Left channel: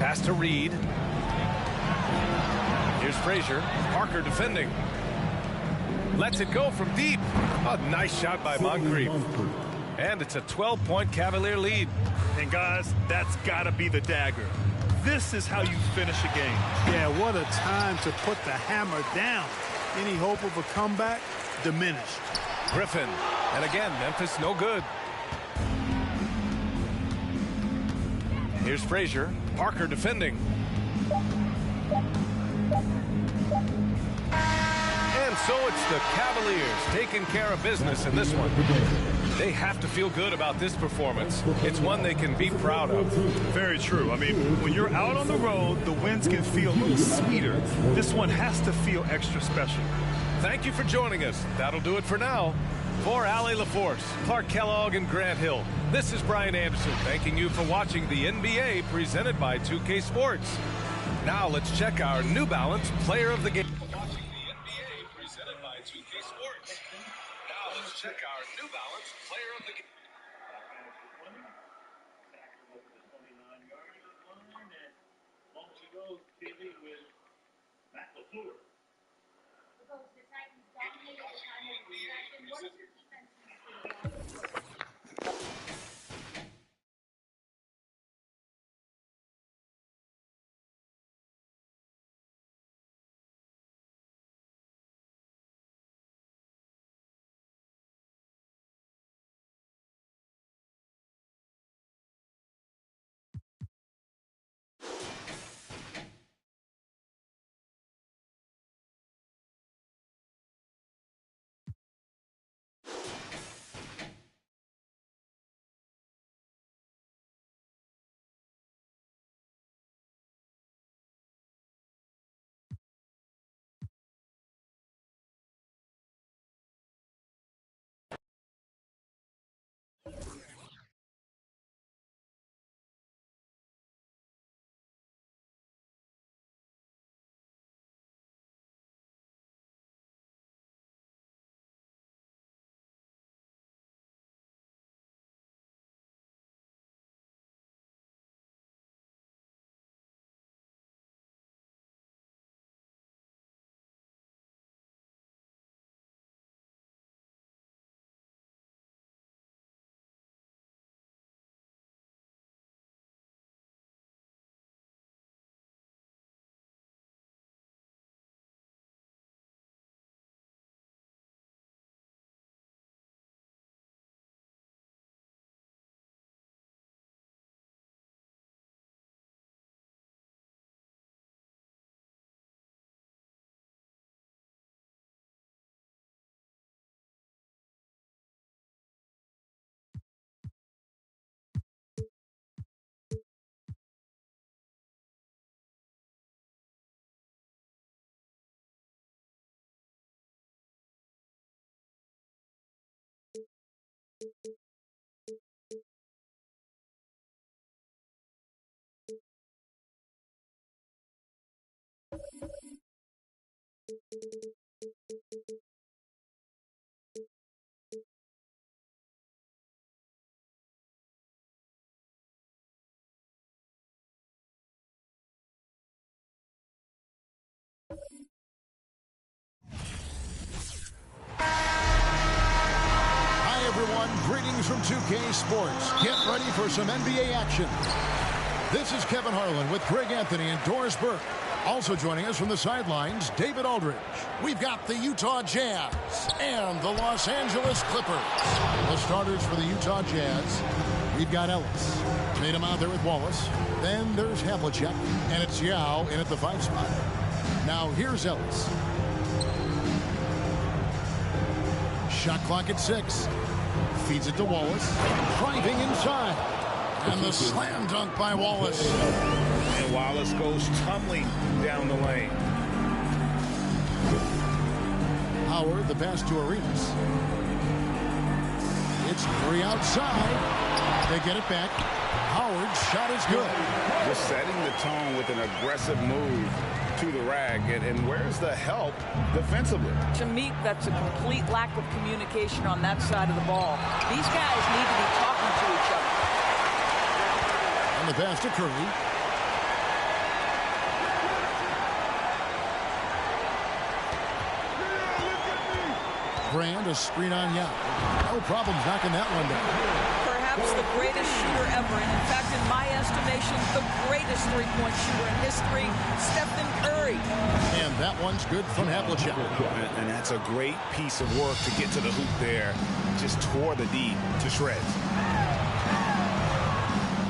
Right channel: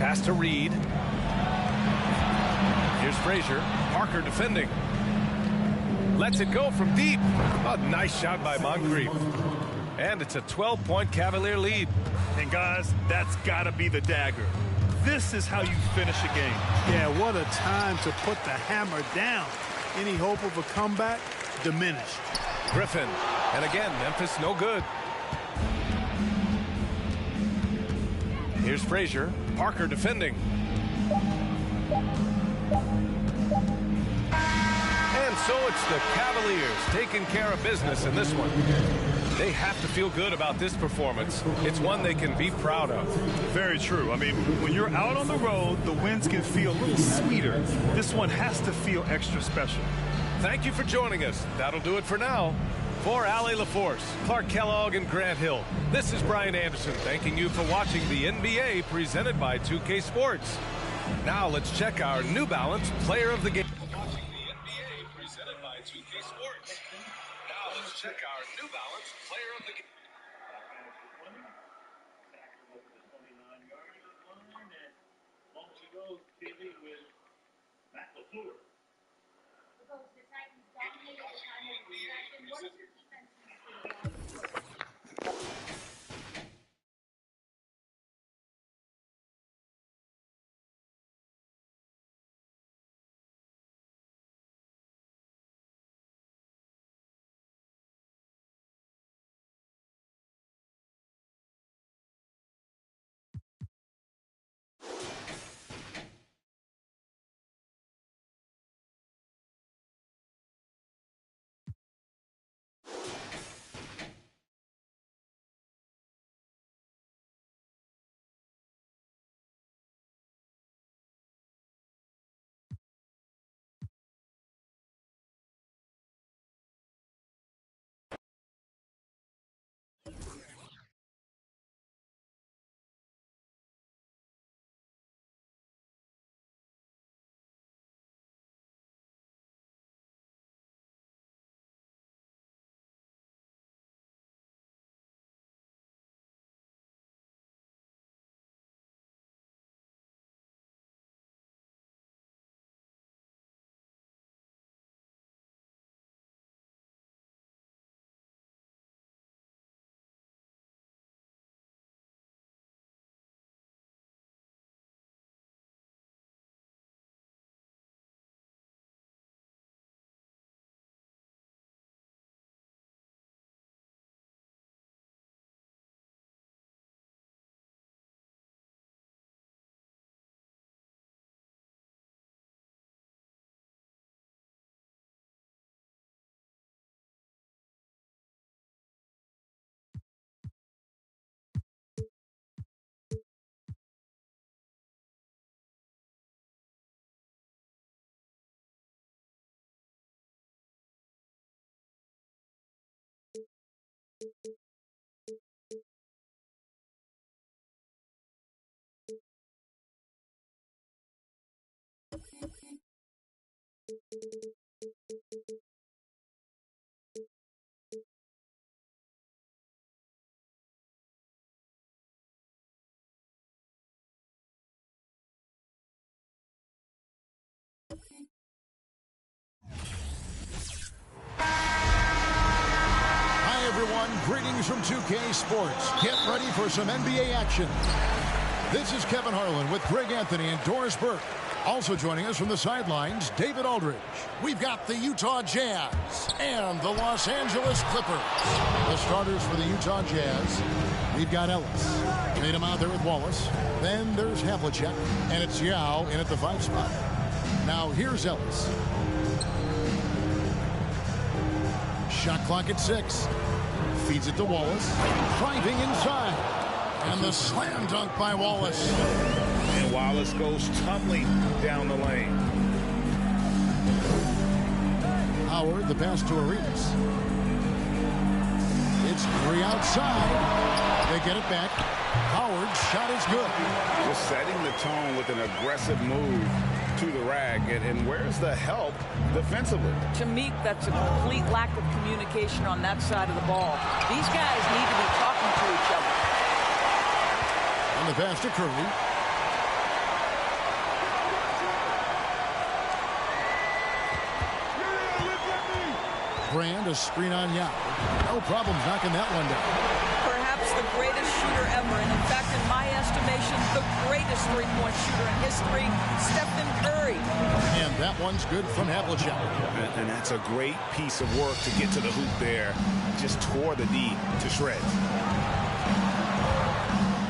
Pass to Reed. Here's Frazier. Parker defending. Lets it go from deep. A nice shot by Moncrief. And it's a 12-point Cavalier lead. And guys, that's got to be the dagger. This is how you finish a game. Yeah, what a time to put the hammer down. Any hope of a comeback? Diminished. Griffin. And again, Memphis no good. Here's Frazier. Parker defending. And so it's the Cavaliers taking care of business in this one. They have to feel good about this performance. It's one they can be proud of. Very true. I mean, when you're out on the road, the wins can feel a little sweeter. This one has to feel extra special. Thank you for joining us. That'll do it for now. For Allie LaForce, Clark Kellogg, and Grant Hill, this is Brian Anderson thanking you for watching the NBA presented by 2K Sports. Now let's check our New Balance Player of the Game. Watching the NBA presented by 2K Sports. Now let's check our New Balance Player of the Game. Hi, everyone. Greetings from 2K Sports. Get ready for some NBA action. This is Kevin Harlan with Greg Anthony and Doris Burke. Also joining us from the sidelines, David Aldridge. We've got the Utah Jazz and the Los Angeles Clippers. The starters for the Utah Jazz, we've got Ellis. Tatum out there with Wallace. Then there's Havlicek, and it's Yao in at the 5 spot. Now here's Ellis. Shot clock at 6. Feeds it to Wallace. Driving inside. And the slam dunk by Wallace. And Wallace goes tumbling down the lane. Howard, the pass to Arenas. It's 3 outside. They get it back. Howard's shot is good. Just setting the tone with an aggressive move to the rack. And where's the help defensively? To me, that's a complete lack of communication on that side of the ball. These guys need to be talking to each other. And the pass to Curry. Brand, a screen on Yao. No problems knocking that one down. Perhaps the greatest shooter ever, and in fact, in my estimation, the greatest three-point shooter in history, Stephen Curry. And that one's good from Havlicek. And that's a great piece of work to get to the hoop there. Just tore the D to shreds.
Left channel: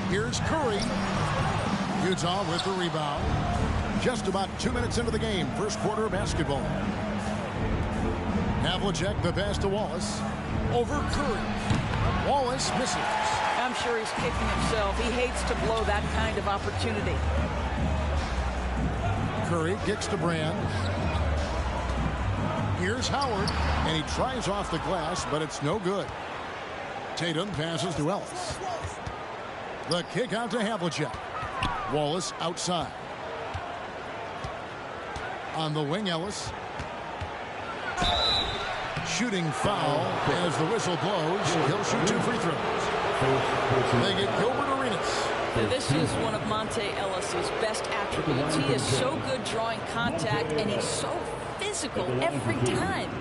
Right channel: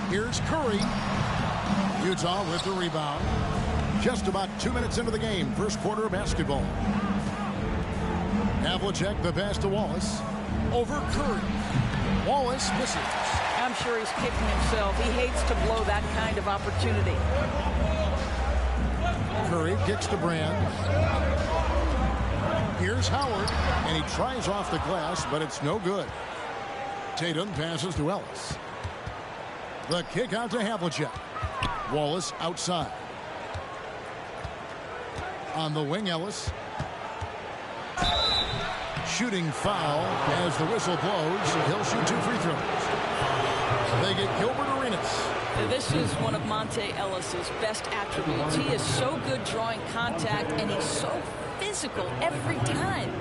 Here's Curry. Utah with the rebound. Just about 2 minutes into the game, first quarter of basketball. Havlicek, the pass to Wallace. Over Curry. Wallace misses. I'm sure he's kicking himself. He hates to blow that kind of opportunity. Curry kicks to Brand. Here's Howard, and he tries off the glass, but it's no good. Tatum passes to Ellis. The kick out to Havlicek. Wallace outside. On the wing, Ellis. Shooting foul as the whistle blows. He'll shoot 2 free throws. They get Gilbert Arenas. This is one of Monte Ellis's best attributes. He is so good drawing contact, and he's so physical every time.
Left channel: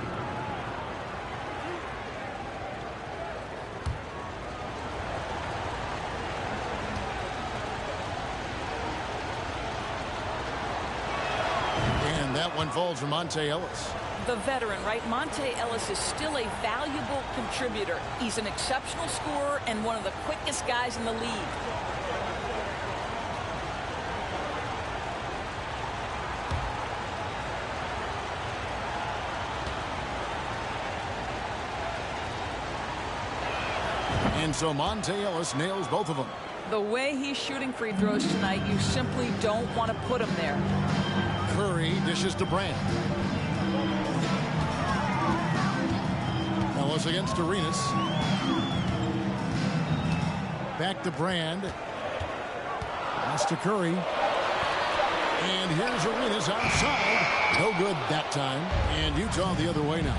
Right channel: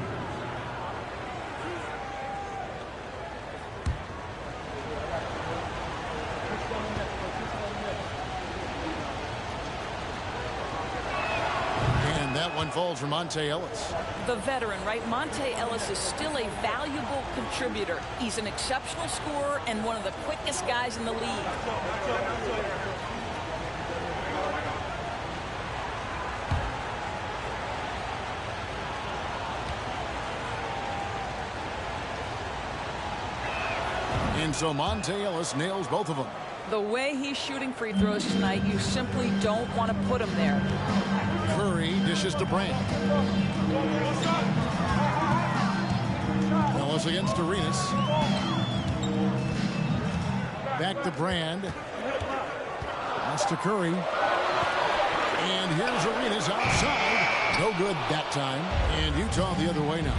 And that one falls for Monte Ellis. The veteran, right? Monte Ellis is still a valuable contributor. He's an exceptional scorer and one of the quickest guys in the league. And so Monte Ellis nails both of them. The way he's shooting free throws tonight, you simply don't want to put him there. Curry dishes to Brand. Ellis against Arenas. Back to Brand. Pass to Curry. And here's Arenas outside. No good that time. And Utah the other way now.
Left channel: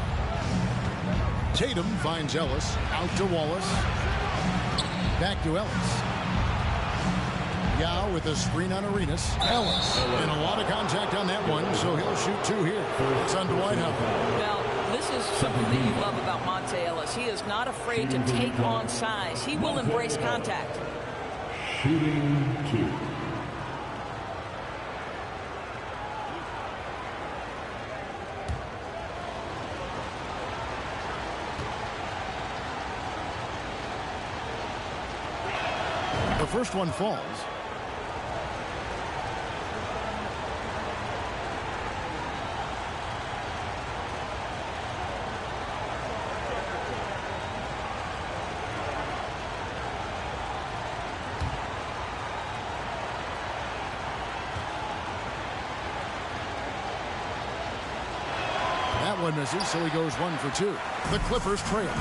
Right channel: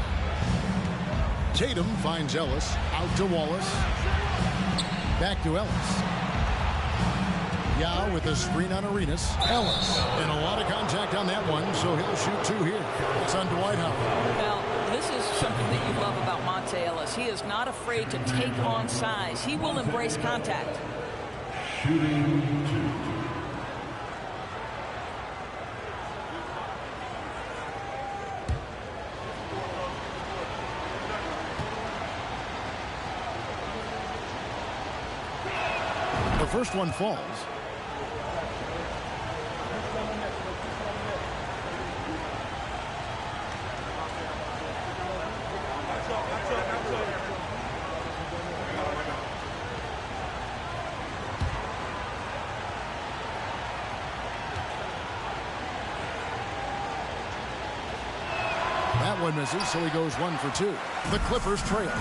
Tatum finds Ellis. Out to Wallace. Back to Ellis. Yao with a screen on Arenas. Ellis. And a lot of contact on that one, so he'll shoot 2 here. It's on Dwight Howard. Now, this is something that you love about Monte Ellis. He is not afraid to take on size. He will embrace contact. Shooting 2. The first one falls. That one misses, so he goes 1 for 2. The Clippers trail.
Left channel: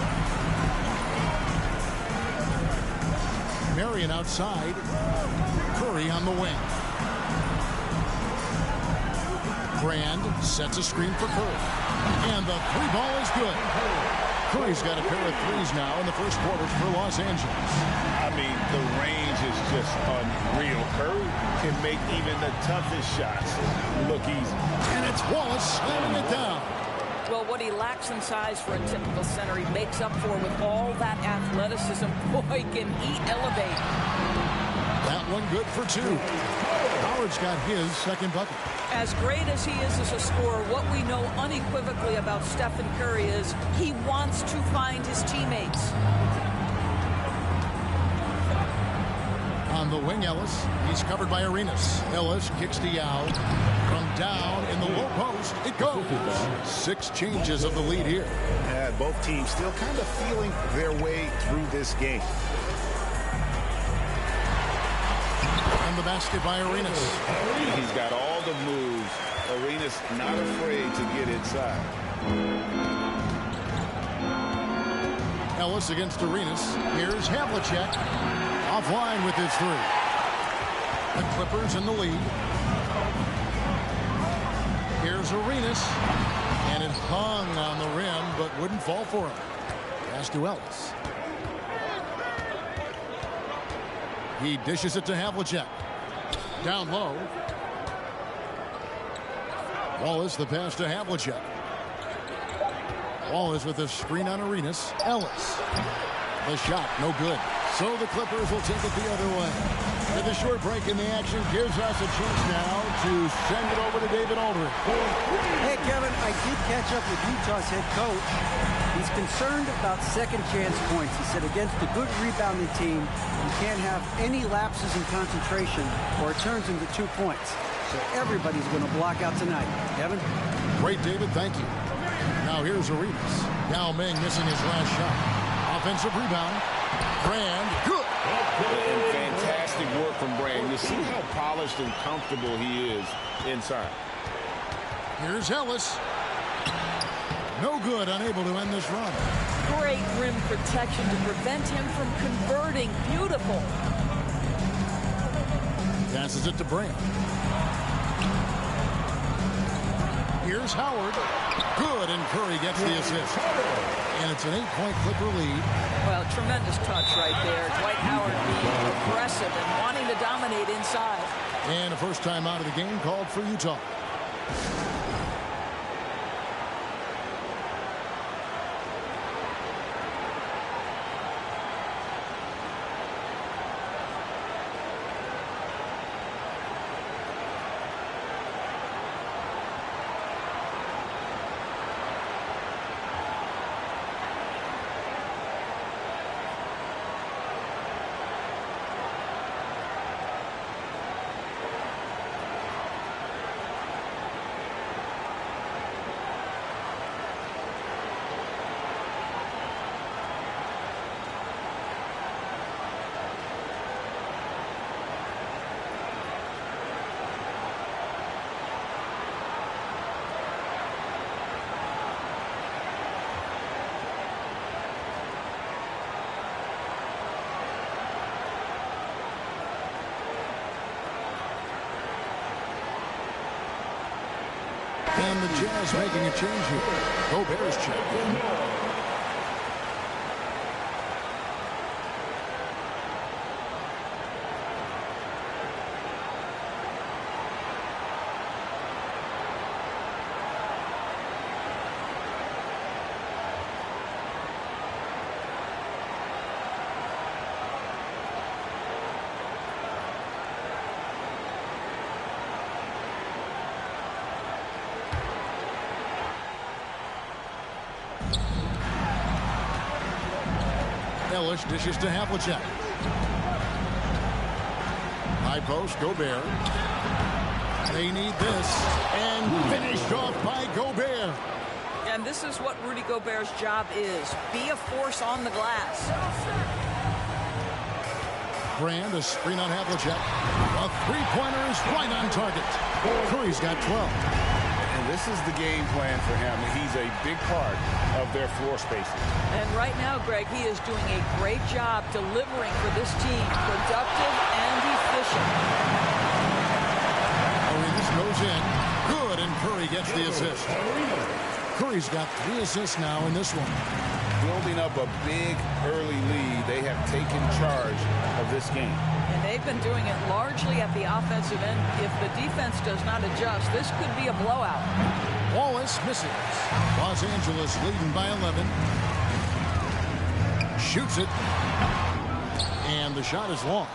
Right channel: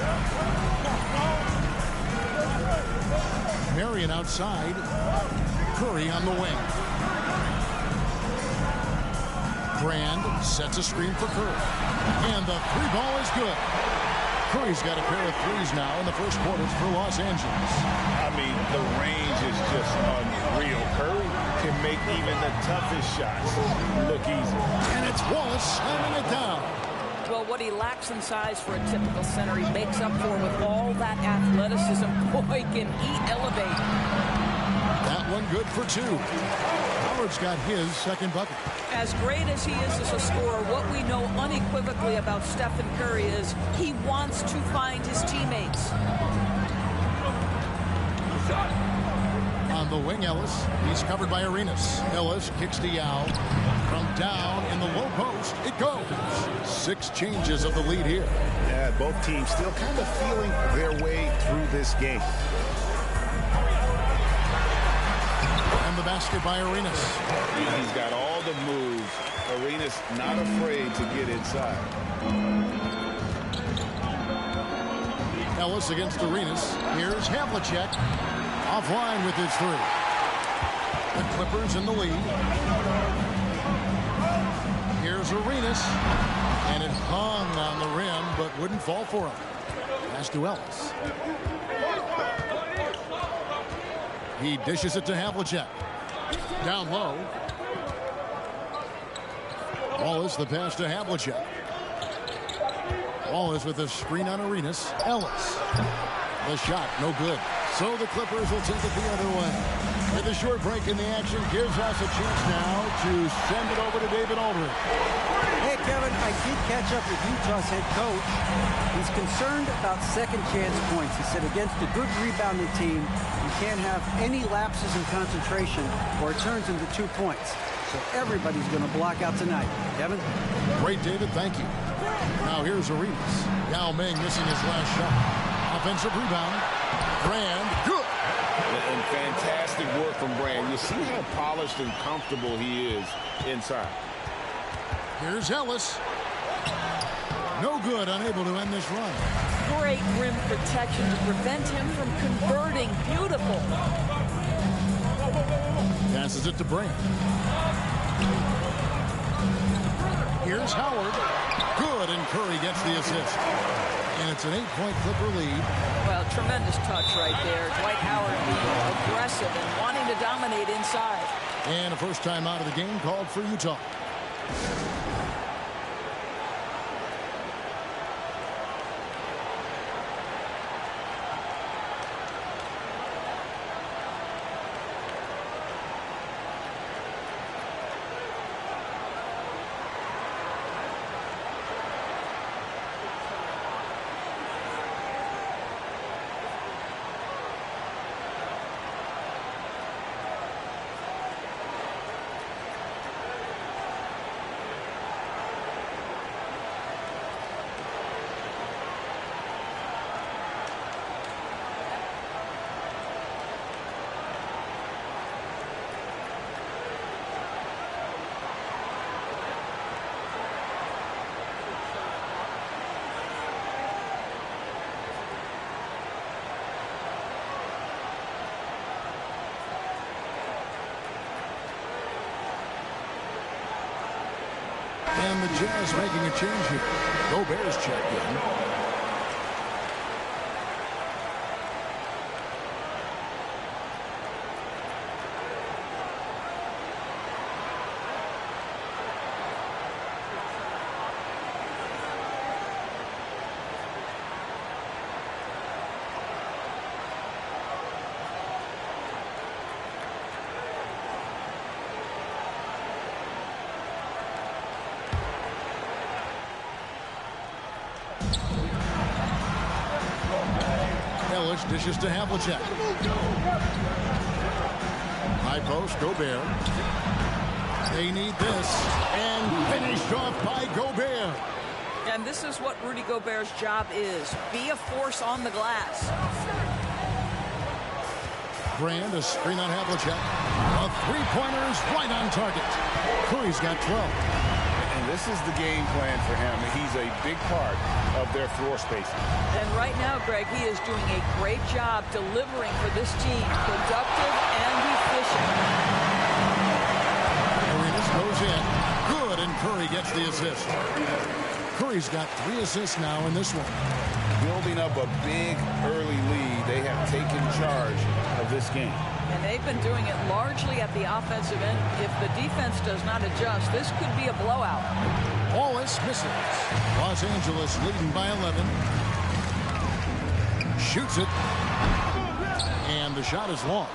Marion outside. Curry on the wing. Brand sets a screen for Curry. And the 3-ball is good. Curry's got a pair of threes now in the first quarters for Los Angeles. I mean, the range is just unreal. Curry can make even the toughest shots look easy. And it's Wallace slamming it down. Well, what he lacks in size for a typical center, he makes up for with all that athleticism. Boy, can he elevate. That one good for 2. Howard's got his second bucket. As great as he is as a scorer, what we know unequivocally about Stephen Curry is he wants to find his teammates. On the wing, Ellis. He's covered by Arenas. Ellis kicks to Yao. From down in the low post, it goes. 6 changes of the lead here. Yeah, both teams still kind of feeling their way through this game. And the basket by Arenas. He's got all the moves. Arenas not afraid to get inside. Ellis against Arenas. Here's Havlicek. Offline with his 3. The Clippers in the lead. Here's Arenas. And it hung on the rim, but wouldn't fall for him. Pass to Ellis. He dishes it to Havlicek. Down low. Wallace, the pass to Havlicek. Wallace with a screen on Arenas. Ellis. The shot, no good. So the Clippers will take it the other way. And the short break in the action gives us a chance now to send it over to David Aldridge. Hey, Kevin, I did catch up with Utah's head coach. He's concerned about second chance points. He said against a good rebounding team, you can't have any lapses in concentration or it turns into 2 points. So everybody's going to block out tonight. Kevin? Great, David. Thank you. Now here's Arenas. Yao Ming missing his last shot. Offensive rebound. Brand, good. And fantastic work from Brand. You see how polished and comfortable he is inside. Here's Ellis. No good, unable to end this run. Great rim protection to prevent him from converting. Beautiful. Passes it to Brand. Here's Howard. Good, and Curry gets the assist. And it's an 8-point Clipper lead. Well, tremendous touch right there. Dwight Howard being aggressive and wanting to dominate inside. And a first time out of the game called for Utah. And the Jazz making a change here. Gobert's checked in. Ellis dishes to Havlicek. High post, Gobert. They need this. And finished off by Gobert. And this is what Rudy Gobert's job is. Be a force on the glass. Brand, a screen on Havlicek. A three-pointer is right on target. Curry's got 12. And this is the game plan for him. He's a big part of their floor spacing. And right now, Greg, he is doing a great job delivering for this team. Productive and efficient. Arenas goes in. Good, and Curry gets the assist. Curry's got 3 assists now in this one. Building up a big early lead, they have taken charge of this game. And they've been doing it largely at the offensive end. If the defense does not adjust, this could be a blowout. Wallace misses. Los Angeles leading by 11. Shoots it. And the shot is long.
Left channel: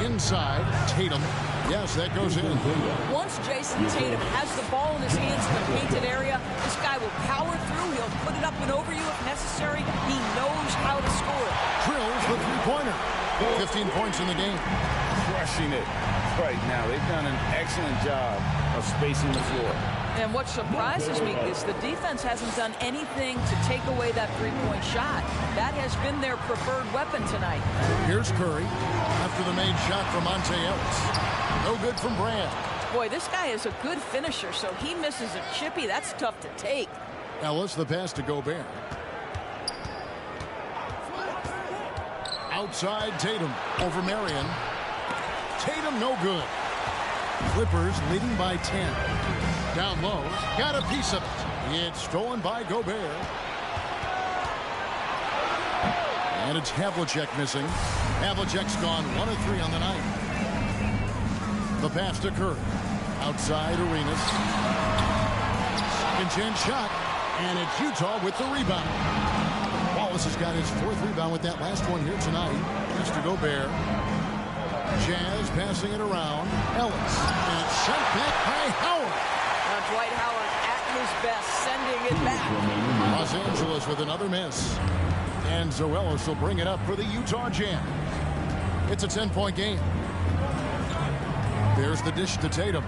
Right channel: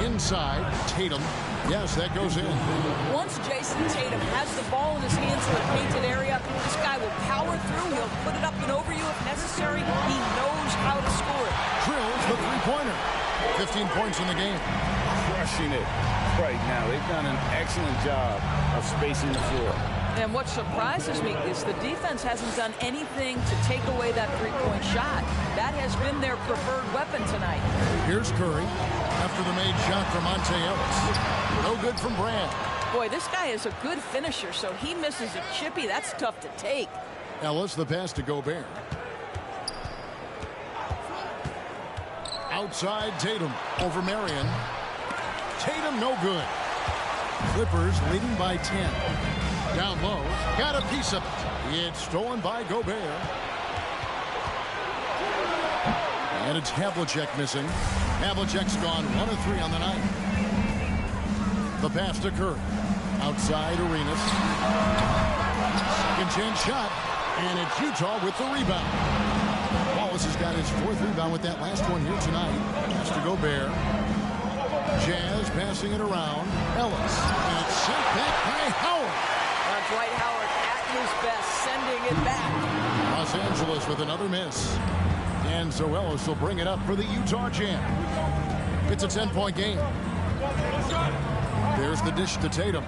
Inside, Tatum. Yes, that goes in. Once Jason Tatum has the ball in his hands in the painted area, this guy will power through. He'll put it up and over you if necessary. He knows how to score it. Drills the three-pointer. 15 points in the game. Crushing it right now. They've done an excellent job of spacing the floor. And what surprises me is the defense hasn't done anything to take away that three-point shot. That has been their preferred weapon tonight. Here's Curry after the made shot from Monte Ellis. No good from Brand. Boy, this guy is a good finisher, so he misses a chippy. That's tough to take. Ellis, the pass to Gobert. Outside Tatum over Marion. Tatum no good. Clippers leading by 10. Down low, got a piece of it. It's stolen by Gobert. And it's Havlicek missing. Havlicek's gone 1 of 3 on the night. The pass to Curry. Outside Arenas. Second chance shot, and it's Utah with the rebound. Wallace has got his 4th rebound with that last one here tonight. Has to Gobert. Jazz passing it around. Ellis, and it's sent back by Howard. Dwight Howard at his best, sending it back. Los Angeles with another miss. And Zoelos will bring it up for the Utah Jazz. It's a 10-point game. There's the dish to Tatum.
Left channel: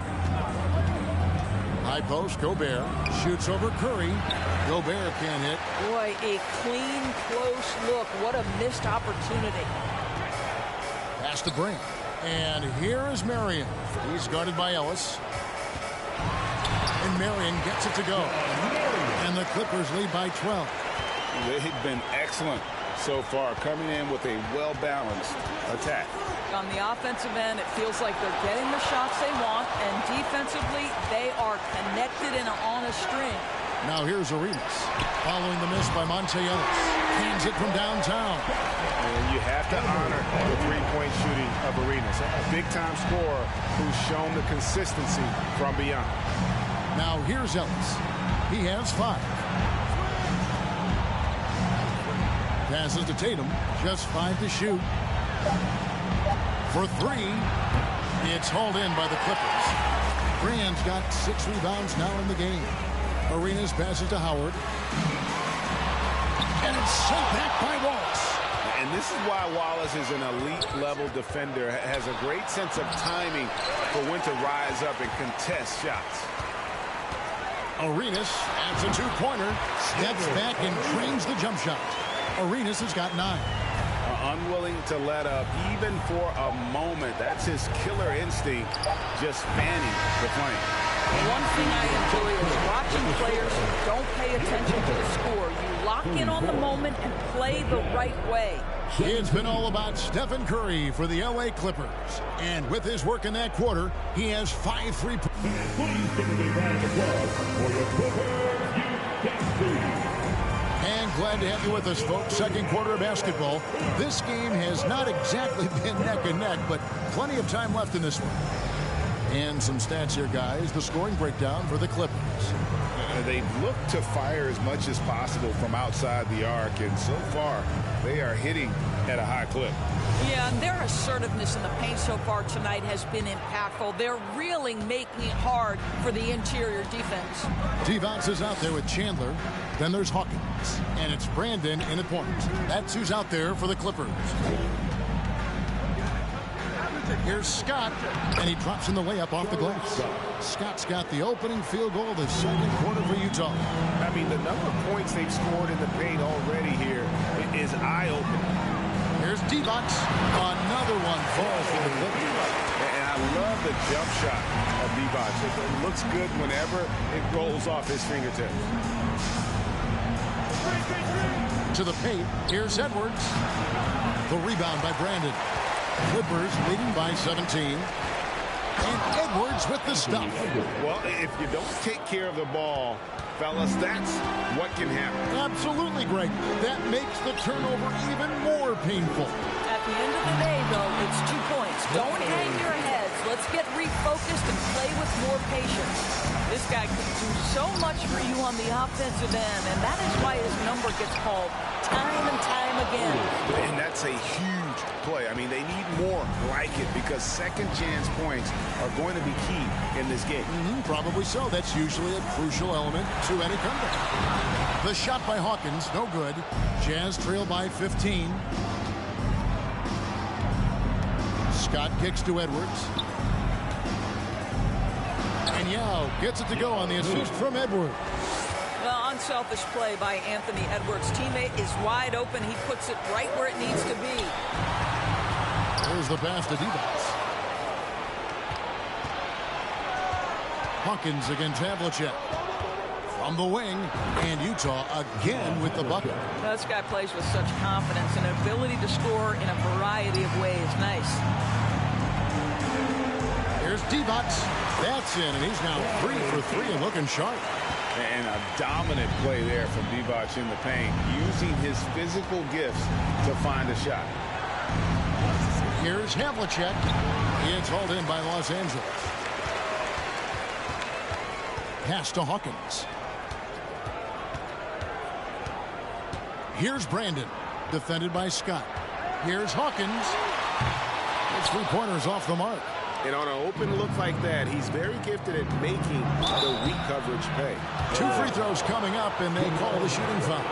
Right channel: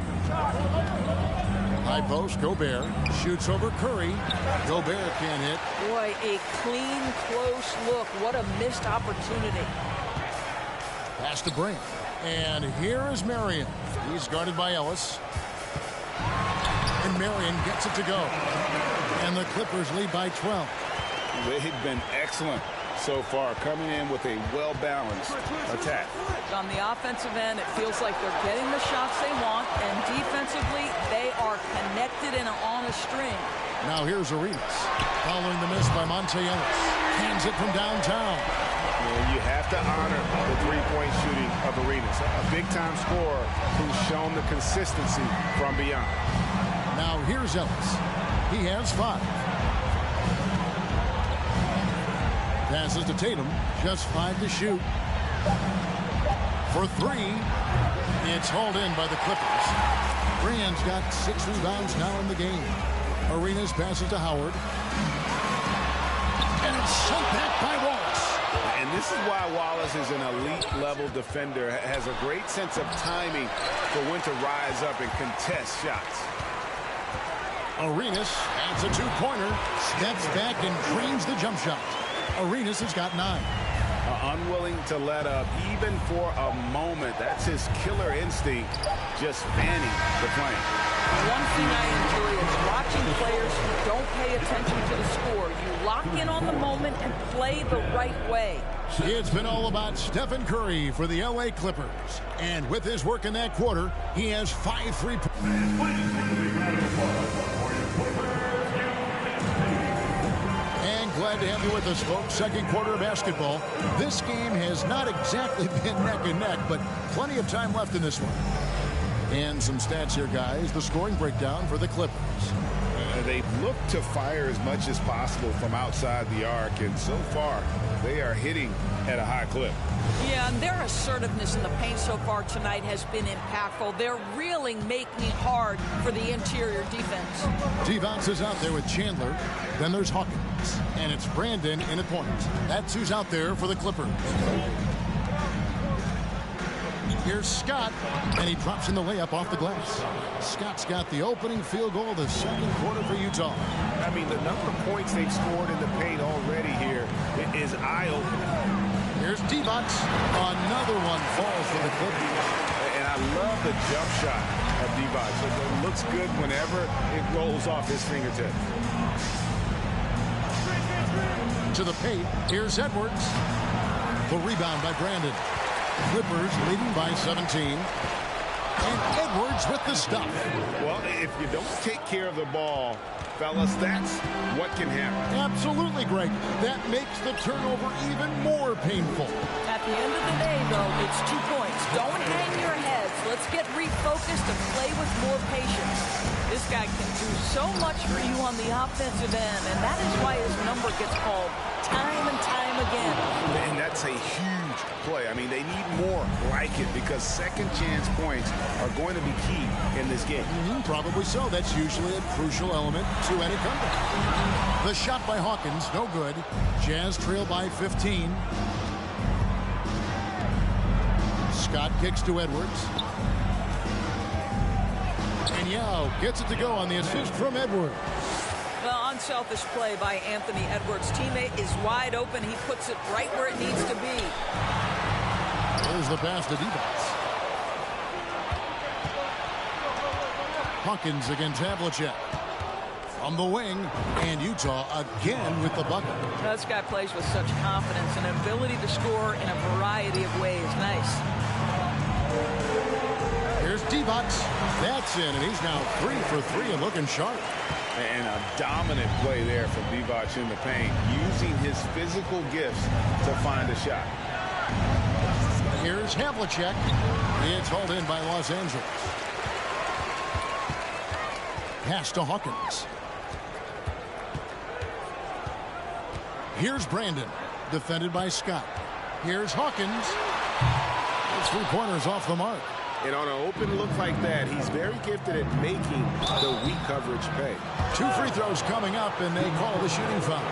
High post, Gobert shoots over Curry. Gobert can't hit. Boy, a clean, close look. What a missed opportunity. Pass to Brand. And here is Marion. He's guarded by Ellis. And Marion gets it to go. And the Clippers lead by 12. They've been excellent so far, coming in with a well-balanced attack. On the offensive end, it feels like they're getting the shots they want, and defensively, they are connected and on a string. Now here's Arenas. Following the miss by Monte Ellis. Hands it from downtown. And you have to honor the three-point shooting of Arenas, a big-time scorer who's shown the consistency from beyond. Now here's Ellis. He has 5. Passes to Tatum. Just 5 to shoot. For 3. It's hauled in by the Clippers. Brand's got 6 rebounds now in the game. Arenas passes to Howard. And it's sent back by Wallace. And this is why Wallace is an elite-level defender, has a great sense of timing for when to rise up and contest shots. Arenas adds a 2-pointer, steps back and drains the jump shot. Arenas has got 9. Unwilling to let up even for a moment. That's his killer instinct, just fanning the flame. One thing I enjoy is watching players who don't pay attention to the score. You lock in on the moment and play the right way. It's been all about Stephen Curry for the LA Clippers. And with his work in that quarter, he has 5 3-pointers. And glad to have you with us, folks. Second quarter of basketball. This game has not exactly been neck and neck, but plenty of time left in this one. And some stats here, guys. The scoring breakdown for the Clippers. They've looked to fire as much as possible from outside the arc, and so far, they are hitting at a high clip. Yeah, and their assertiveness in the paint so far tonight has been impactful. They're really making it hard for the interior defense. Devon's is out there with Chandler. Then there's Hawkins. And it's Brandon in at point. That's who's out there for the Clippers. Here's Scott, and he drops in the layup off the glass. Scott's got the opening field goal of the second quarter for Utah. I mean, the number of points they've scored in the paint already here is eye-opening. Here's Divac. Another one falls for the Clippers. And I love the jump shot of Divac. It looks good whenever it rolls off his fingertips. To the paint, here's Edwards. The rebound by Brandon. Clippers leading by 17. And Edwards with the stuff. Well, if you don't take care of the ball, fellas, that's what can happen. Absolutely, Greg. That makes the turnover even more painful. At the end of the day, though, it's 2 points. Don't hang your heads. Let's get refocused and play with more patience. This guy can do so much for you on the offensive end, and that is why his number gets called time and time again. And that's a huge play. I mean, they need more like it because second chance points are going to be key in this game. Probably so. That's usually a crucial element to any comeback. The shot by Hawkins, no good. Jazz trail by 15. Scott kicks to Edwards. And Yao gets it to go on the assist from Edwards. Well, unselfish play by Anthony Edwards. Teammate is wide open. He puts it right where it needs to be. There's the pass to Divac. Hawkins against Havlicek. From the wing, and Utah again with the bucket. This guy plays with such confidence and ability to score in a variety of ways. Nice. Here's Divac. That's in, and he's now 3 for 3 and looking sharp. And a dominant play there from Divac in the paint, using his physical gifts to find a shot. Here's Havlicek. It's hauled in by Los Angeles. Pass to Hawkins. Here's Brandon, defended by Scott. Here's Hawkins. His three-pointers off the mark. And on an open look like that, he's very gifted at making the weak coverage pay. 2 free throws coming up, and they call the shooting foul.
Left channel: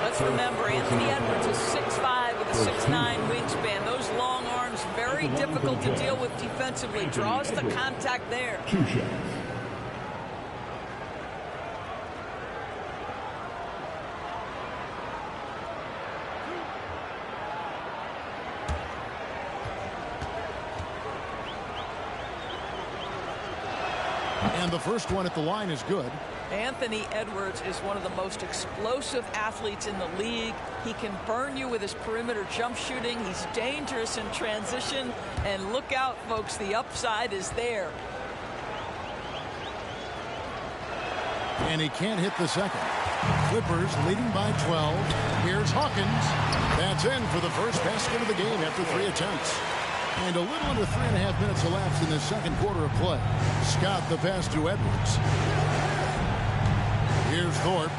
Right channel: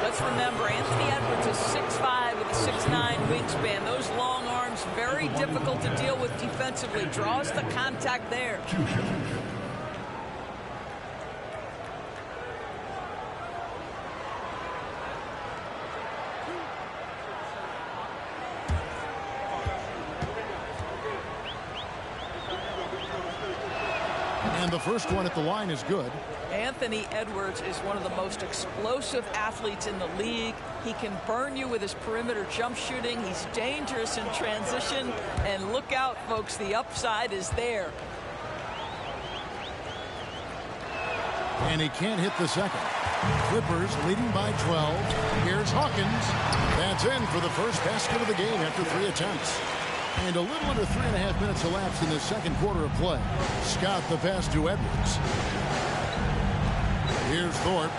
Let's remember, Anthony Edwards is 6'5" with a 6'9" wingspan. Those long arms, very difficult to deal with defensively. Draws the contact there. 2 shots. And the first one at the line is good. Anthony Edwards is one of the most explosive athletes in the league. He can burn you with his perimeter jump shooting. He's dangerous in transition. And look out, folks, the upside is there. And he can't hit the second. Clippers leading by 12. Here's Hawkins. That's in for the first basket of the game after 3 attempts. And a little under 3.5 minutes elapsed in the second quarter of play. Scott the pass to Edwards. Here's Thorpe.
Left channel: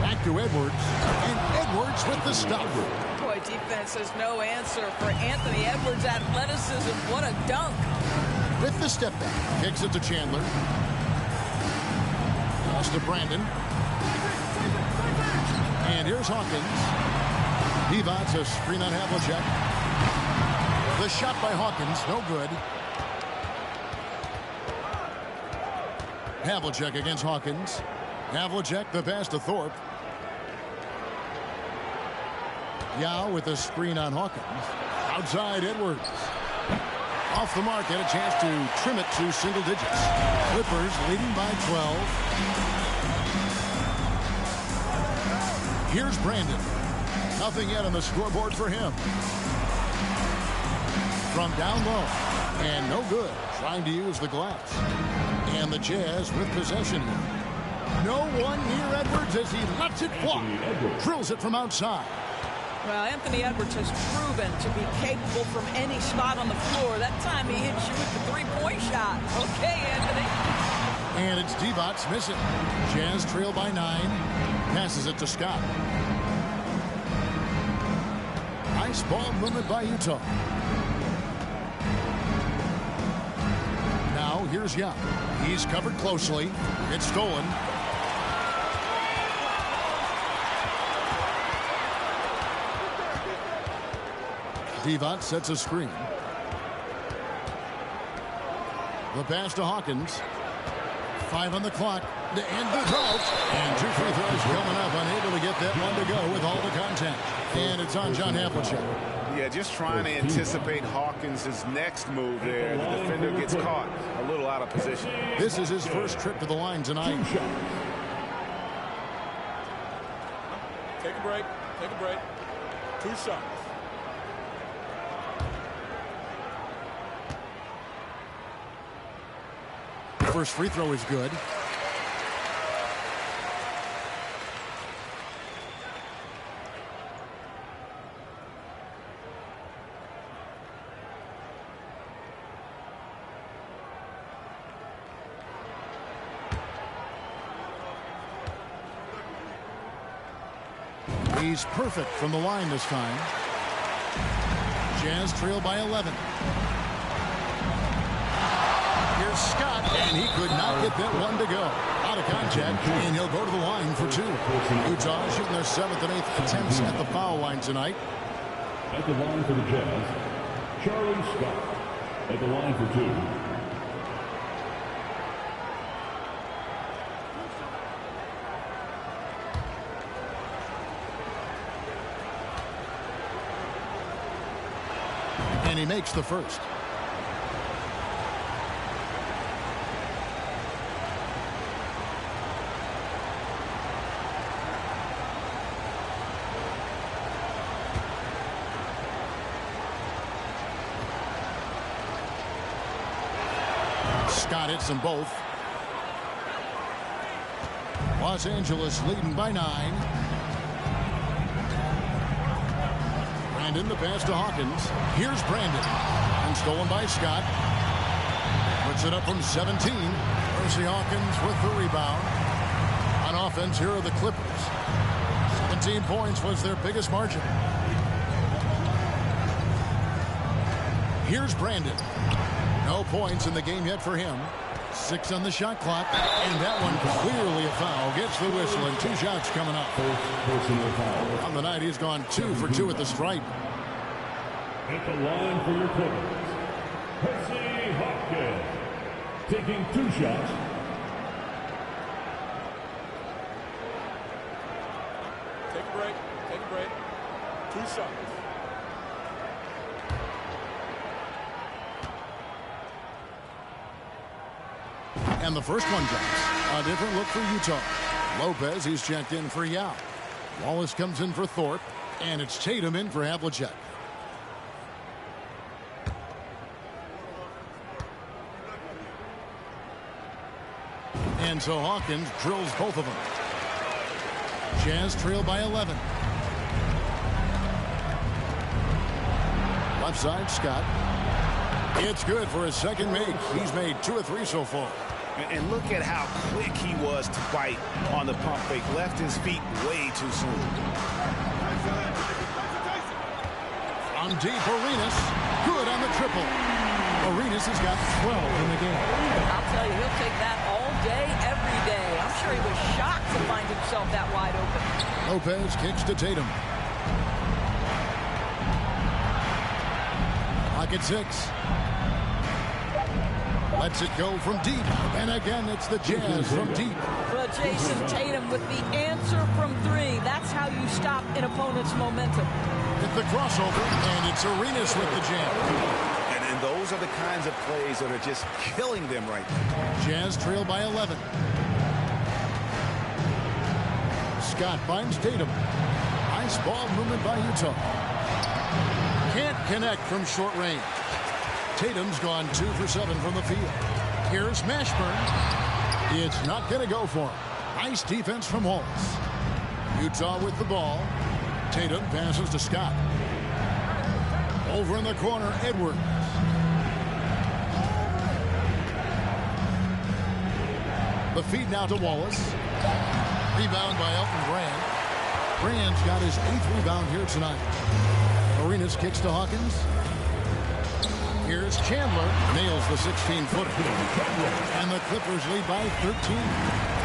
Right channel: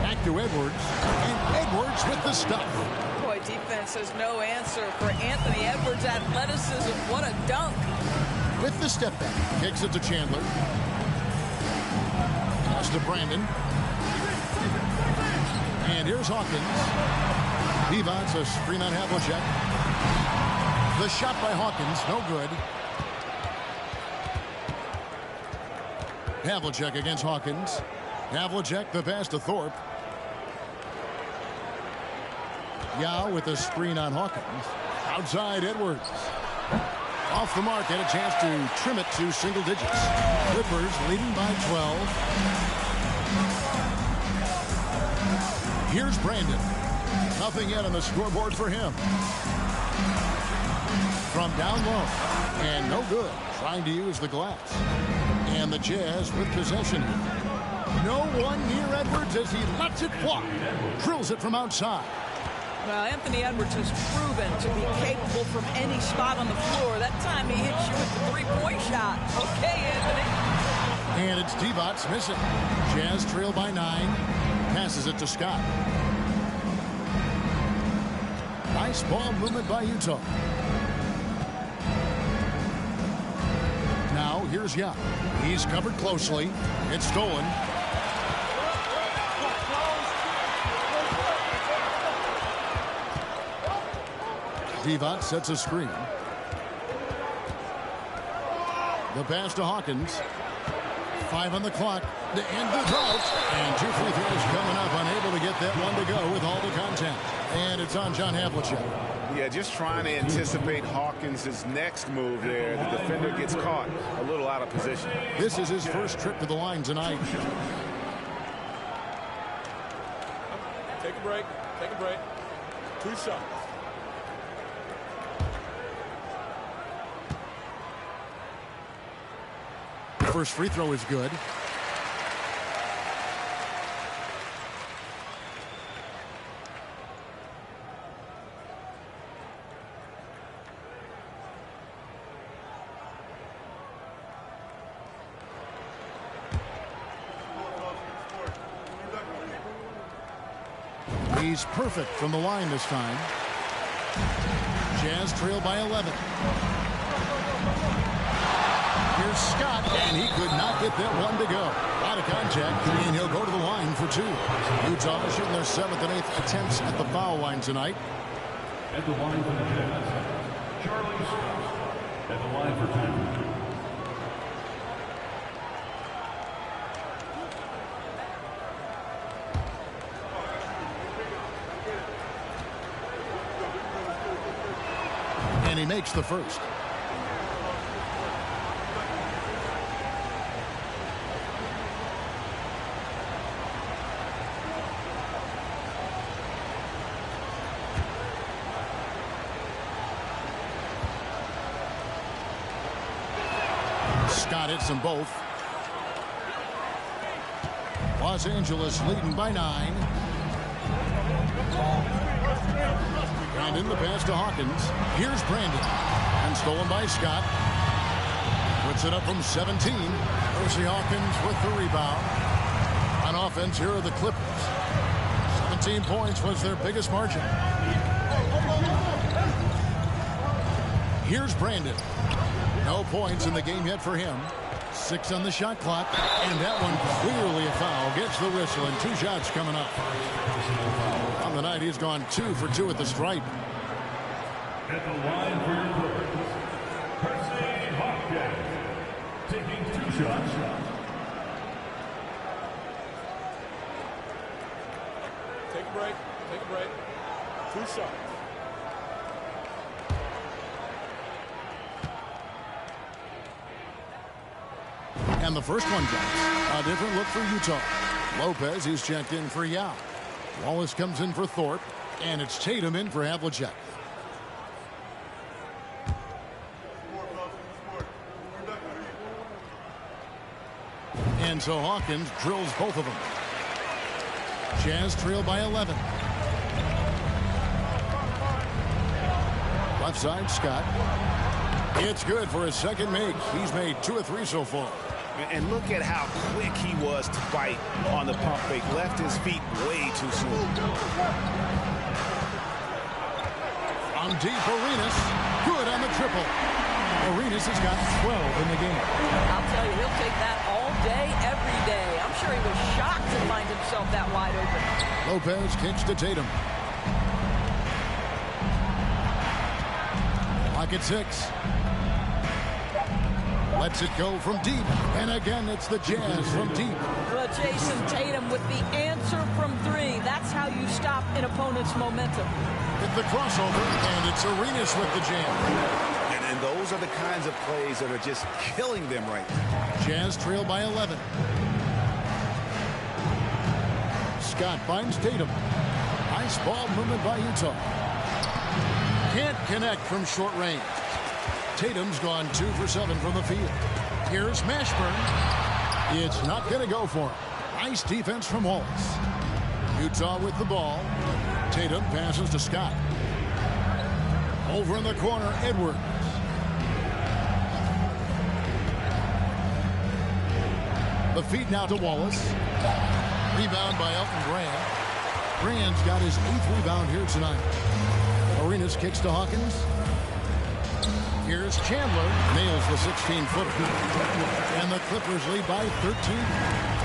Back to Edwards. And Edwards with the stuff. Boy, defense has no answer for Anthony Edwards' athleticism. What a dunk. With the step back. Kicks it to Chandler. Pass to Brandon. And here's Hawkins. Divac a screen on Havlicek. The shot by Hawkins, no good. Havlicek against Hawkins. Havlicek the pass to Thorpe. Yao with a screen on Hawkins. Outside Edwards. Off the mark, had a chance to trim it to single digits. Clippers leading by 12. Here's Brandon. Nothing yet on the scoreboard for him. From down low. And no good. Trying to use the glass. And the Jazz with possession here. No one near Edwards as he lets it fly. Drills it from outside. Well, Anthony Edwards has proven to be capable from any spot on the floor. That time he hits you with the three-point shot. Okay, Anthony. And it's Divac missing. Jazz trail by 9. Passes it to Scott. Nice ball movement by Utah. Now here's Yao. He's covered closely. It's stolen. Divac sets a screen. The pass to Hawkins. 5 on the clock to end the drought. And 2 free throws coming up. Unable to get that one to go with all the contact. And it's on John Havlicek. Yeah, just trying to anticipate Hawkins' next move there. The defender gets caught a little out of position. This is his first trip to the line tonight. Take a break. Take a break. 2 shots. First free throw is good. He's perfect from the line this time. Jazz trail by 11. Here's Scott, and he could not get that one to go. A lot of contact, and he'll go to the line for 2. Utah shooting their 7th and 8th attempts at the foul line tonight. At the line for the Jazz, Charlie Scott. At the line for 2. And he makes the first. Scott hits them both. Los Angeles leading by 9. Brandon the pass to Hawkins. Here's Brandon. And stolen by Scott. Puts it up from 17. Percy Hawkins with the rebound. On offense, here are the Clippers. 17 points was their biggest margin. Here's Brandon. No points in the game yet for him. 6 on the shot clock, and that one clearly a foul. Gets the whistle, and 2 shots coming up. Personal foul. On the night, he's gone 2 for 2 at the stripe. At the line for your Clippers, Percy Hopkins, taking 2 shots. Take a break. Take a break. 2 shots. And the first one drops. A different look for Utah. Lopez, he's checked in for Yao. Wallace comes in for Thorpe. And it's Tatum in for Havlicek. And so Hawkins drills both of them. Jazz trail by 11. Left side, Scott. It's good for his second make. He's made 2 of 3 so far. And look at how quick he was to bite on the pump fake. Left his feet way too soon. From deep, Arenas. Good on the triple. Arenas has got 12 in the game. I'll tell you, he'll take that all day, every day. I'm sure he was shocked to find himself that wide open. Lopez kicks to Tatum. Clock at 6. Lets it go from deep. And again, it's the Jazz from deep. Well, Jason Tatum with the answer from 3. That's how you stop an opponent's momentum. Hit the crossover, and it's Arenas with the jam. And those are the kinds of plays that are just killing them right now. Jazz trail by 11. Scott finds Tatum. Nice ball movement by Utah. Can't connect from short range. Tatum's gone 2 for 7 from the field. Here's Mashburn. It's not going to go for him. Nice defense from Wallace. Utah with the ball. Tatum passes to Scott. Over in the corner, Edwards. The feed now to Wallace. Rebound by Elton Brand. Brand's got his 8th rebound here tonight. Arenas kicks to Hawkins. Here's Chandler. Nails the 16-footer. And the Clippers lead by 13.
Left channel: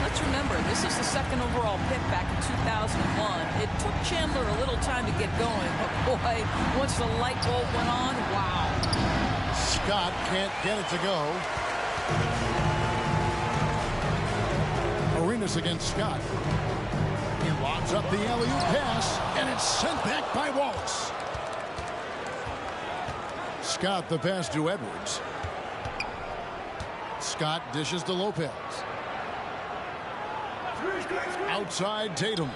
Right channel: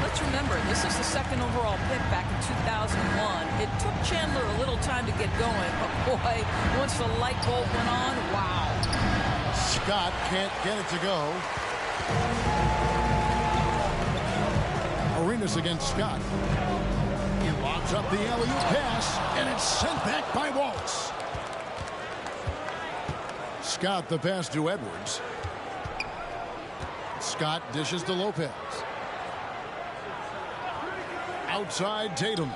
Let's remember, this is the 2nd overall pick back in 2001. It took Chandler a little time to get going, but boy, once the light bulb went on, wow. Scott can't get it to go. Arenas against Scott. He lobs up the alley-oop pass, and it's sent back by Wallace. Scott the pass to Edwards. Scott dishes to Lopez. Outside Tatum.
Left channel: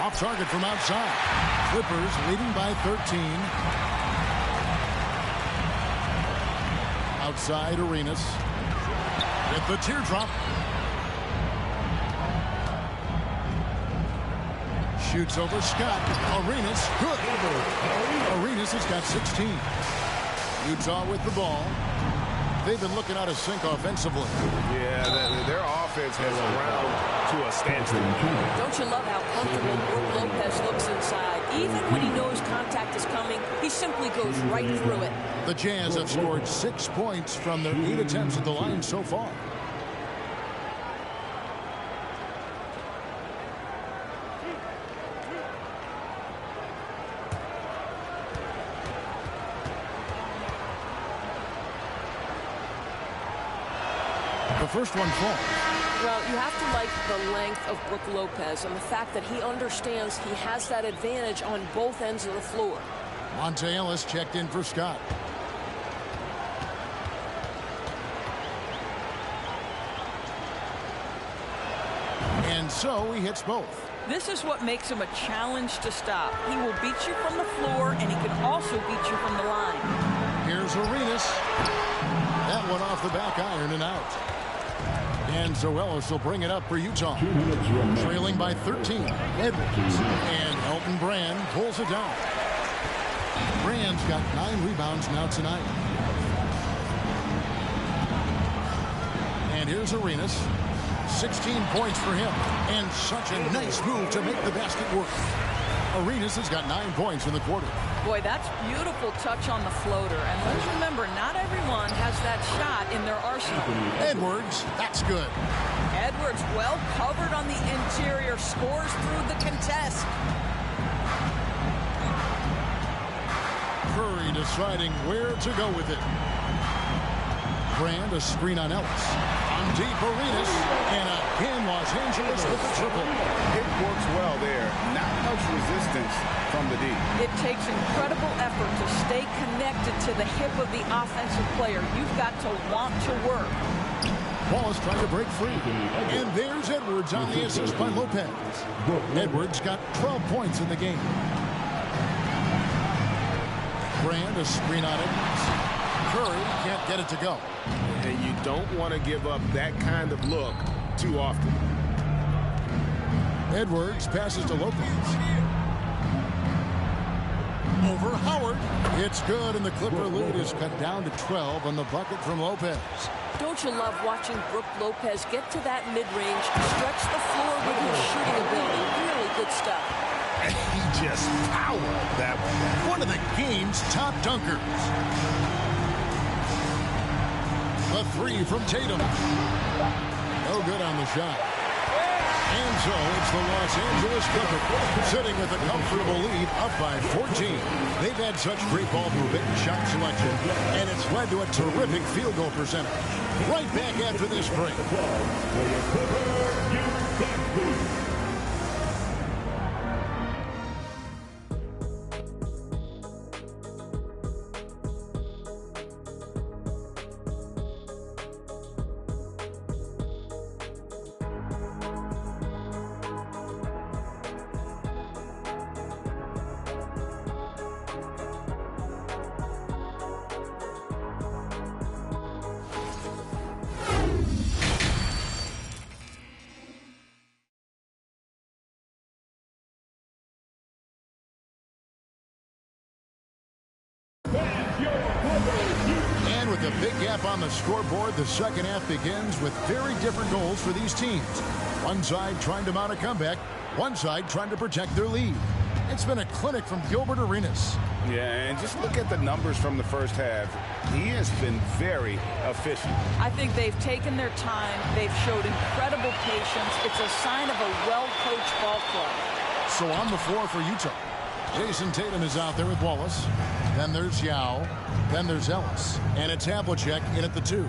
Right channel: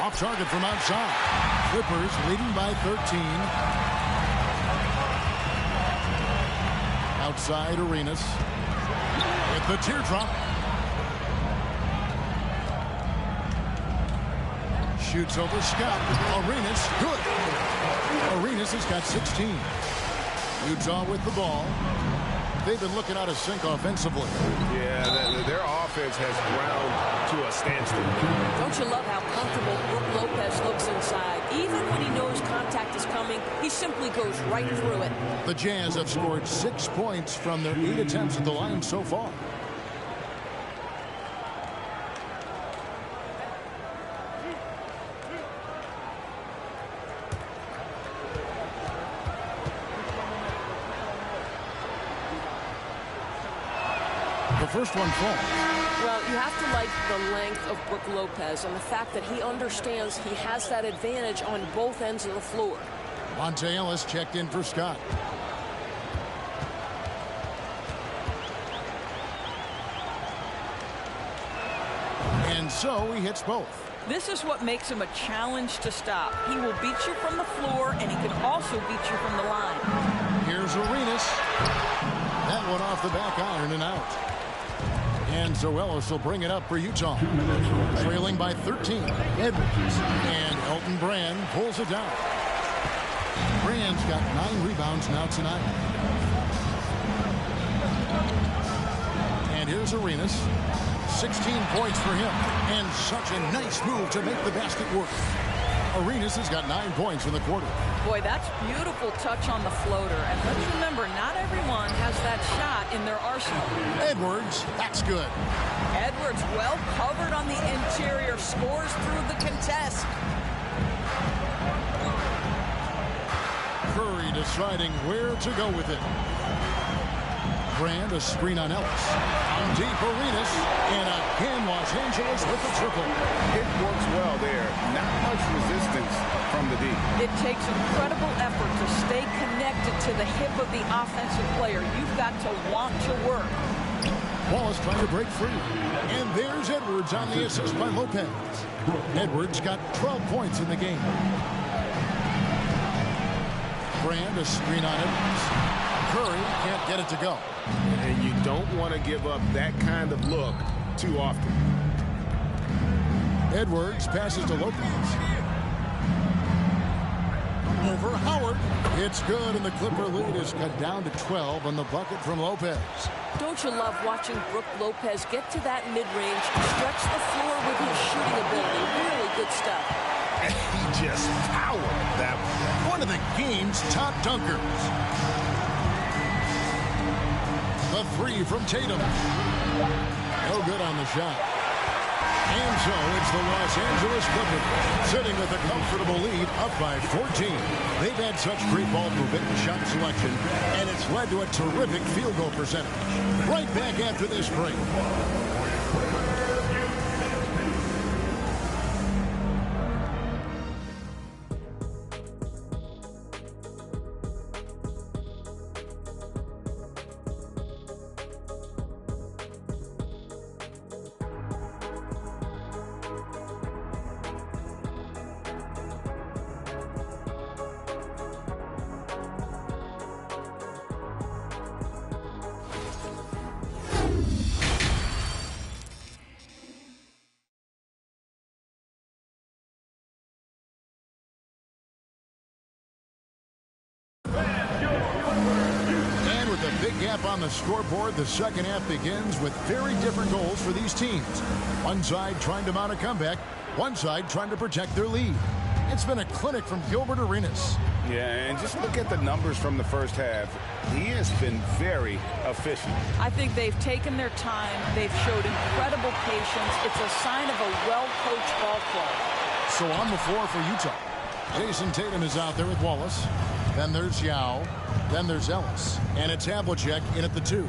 Off target from outside. Clippers leading by 13. Outside Arenas. With the teardrop. Shoots over Scott. Arenas, good. Arenas has got 16. Utah with the ball. They've been looking out of sync offensively. Yeah, their offense has ground to a standstill. Don't you love how comfortable Brook Lopez looks inside? Even when he knows contact is coming, he simply goes right through it. The Jazz have scored 6 points from their 8 attempts at the line so far. The first one falls. Well, you have to like the length of Brook Lopez and the fact that he understands he has that advantage on both ends of the floor. Monte Ellis checked in for Scott. And so he hits both. This is what makes him a challenge to stop. He will beat you from the floor, and he can also beat you from the line. Here's Arenas. That one off the back iron and out. And Zoelis will bring it up for Utah. Trailing by 13. Edwards. And Elton Brand pulls it down. Brand's got 9 rebounds now tonight. And here's Arenas. 16 points for him. And such a nice move to make the basket work. Arenas has got 9 points in the quarter. Boy, that's beautiful touch on the floater. And let's remember, not everyone has that shot in their arsenal. Edwards, that's good. Edwards well covered on the interior, scores through the contest. Curry deciding where to go with it. Brand, a screen on Ellis. On deep, Arenas. And again, Los Angeles with the triple. It works well there. Not much resistance from the D. It takes incredible effort to stay connected to the hip of the offensive player. You've got to want to work. Wallace trying to break free. And there's Edwards on the assist by Lopez. Edwards got 12 points in the game. Brand, a screen on Edwards. Curry can't get it to go. And you don't want to give up that kind of look too often. Edwards passes to Lopez. Over Howard. It's good, and the Clipper lead is cut down to 12 on the bucket from Lopez. Don't you love watching Brook Lopez get to that mid-range, stretch the floor with his shooting ability? Really good stuff. He just powered that one. One of the game's top dunkers. The three from Tatum. No good on the shot. And so it's the Los Angeles Clippers sitting with a comfortable lead up by 14. They've had such great ball movement and shot selection, and it's led to a terrific field goal percentage. Right back after this break. With a big gap on the scoreboard, the second half begins with very different goals for these teams. One side trying to mount a comeback, one side trying to protect their lead. It's been a clinic from Gilbert Arenas. Yeah, and just look at the numbers from the first half. He has been very efficient. I think they've taken their time. They've showed incredible patience. It's a sign of a well-coached ball club. So on the floor for Utah, Jason Tatum is out there with Wallace. Then there's Yao. Then there's Ellis. And it's Havlicek in at the 2.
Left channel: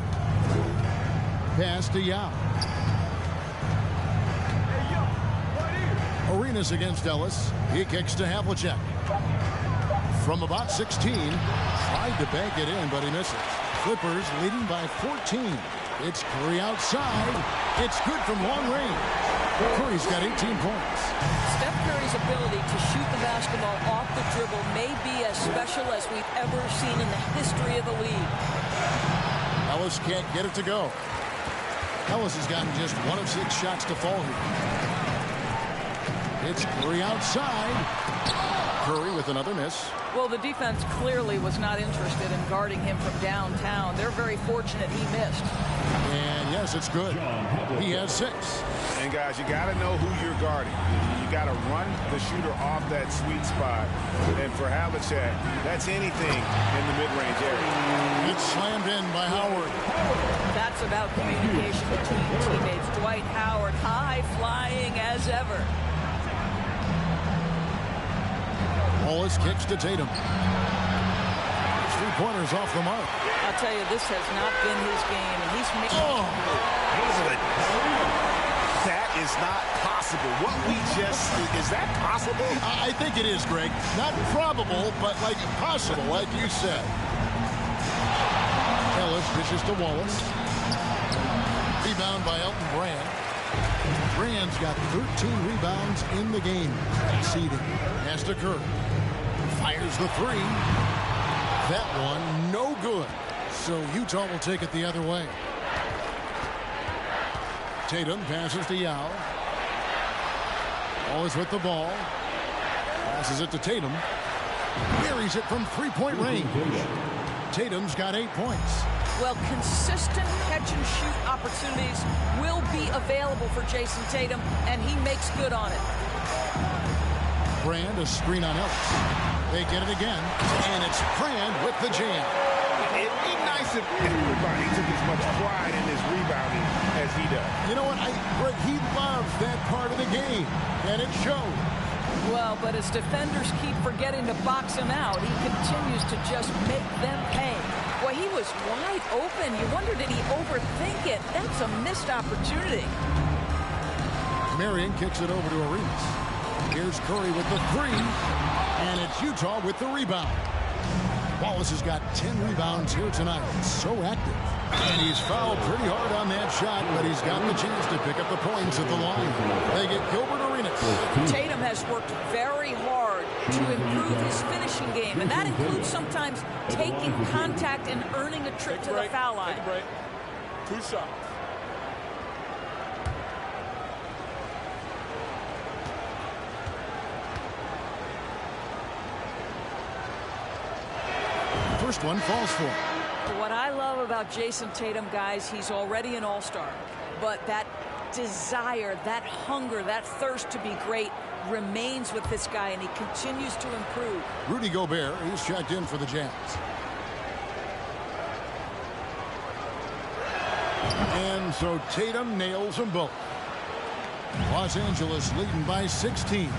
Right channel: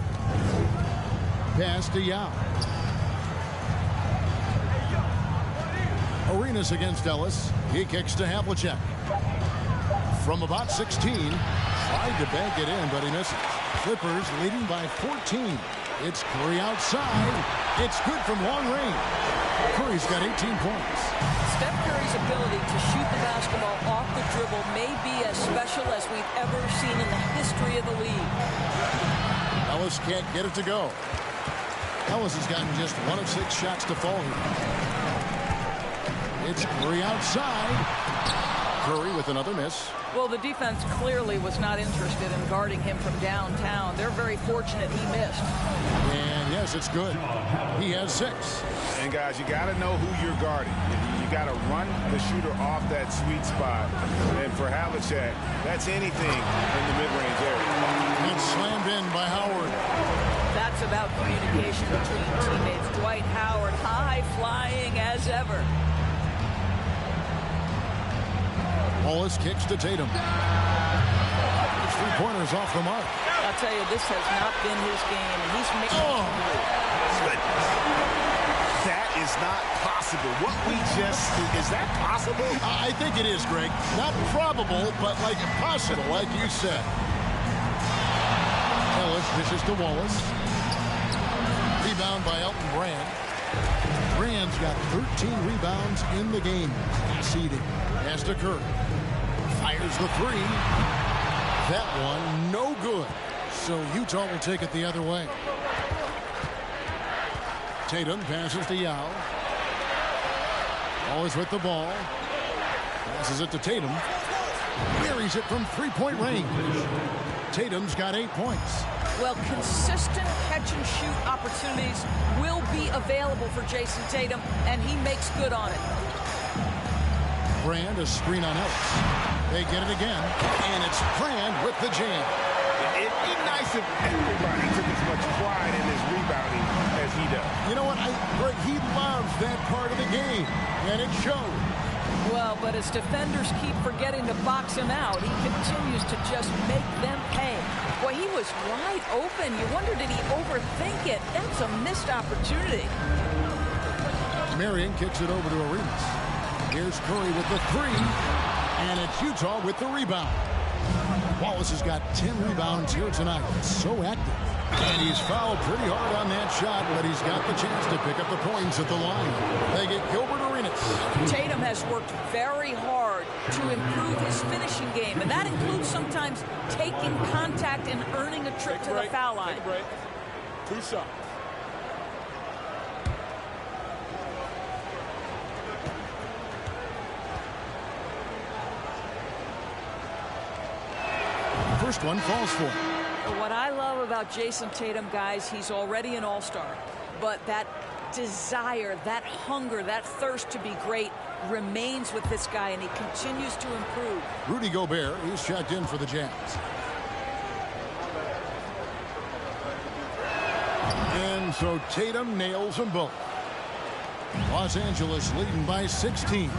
Pass to Yao. Arenas against Ellis. He kicks to Havlicek. From about 16. Tried to bank it in, but he misses. Clippers leading by 14. It's Curry outside. It's good from long range. Curry's got 18 points. Steph Curry's ability to shoot the basketball off the dribble may be as special as we've ever seen in the history of the league. Ellis can't get it to go. Ellis has gotten just 1 of 6 shots to fall here. It's Curry outside. Curry with another miss. Well, the defense clearly was not interested in guarding him from downtown. They're very fortunate he missed. And yes, it's good. He has 6. And guys, you got to know who you're guarding. You got to run the shooter off that sweet spot. And for Havlicek, that's anything in the mid-range area. And it's slammed in by Howard. That's about communication between teammates. Dwight Howard, high flying as ever. Wallace kicks to Tatum. 3-pointers off the mark. I'll tell you, this has not been his game, and he's making. Oh, that is not possible. What we just is that possible? I think it is, Greg. Not probable, but like possible, like you said. Ellis dishes to Wallace. Rebound by Elton Brand. Brand's got 13 rebounds in the game. Seeding. Pass to Curry. Fires the 3. That one no good. So Utah will take it the other way. Tatum passes to Yao. Always with the ball. Passes it to Tatum. Buries it from 3-point range. Tatum's got 8 points. Well, consistent catch-and-shoot opportunities will be available for Jason Tatum, and he makes good on it. Brand, a screen on Ellis. They get it again, and it's Brand with the jam. It'd be nice if everybody took as much pride in his rebounding as he does. You know what? Greg, he loves that part of the game, and it shows. Well, but as defenders keep forgetting to box him out, he continues to just make them pay. Boy, he was wide open. You wonder, did he overthink it? That's a missed opportunity. Marion kicks it over to Arenas. Here's Curry with the three, and it's Utah with the rebound. Wallace has got 10 rebounds here tonight. So active. And he's fouled pretty hard on that shot, but he's got the chance to pick up the points at the line. They get Gilbert Arenas. Tatum has worked very hard to improve his finishing game, and that includes sometimes taking contact and earning a trip to the foul line. Take a break. 2 shots. First one falls for him. What I love about Jason Tatum, guys, he's already an all-star. But that desire, that hunger, that thirst to be great remains with this guy, and he continues to improve. Rudy Gobert, he's checked in for the Jazz. And so Tatum nails them both. Los Angeles leading by 16.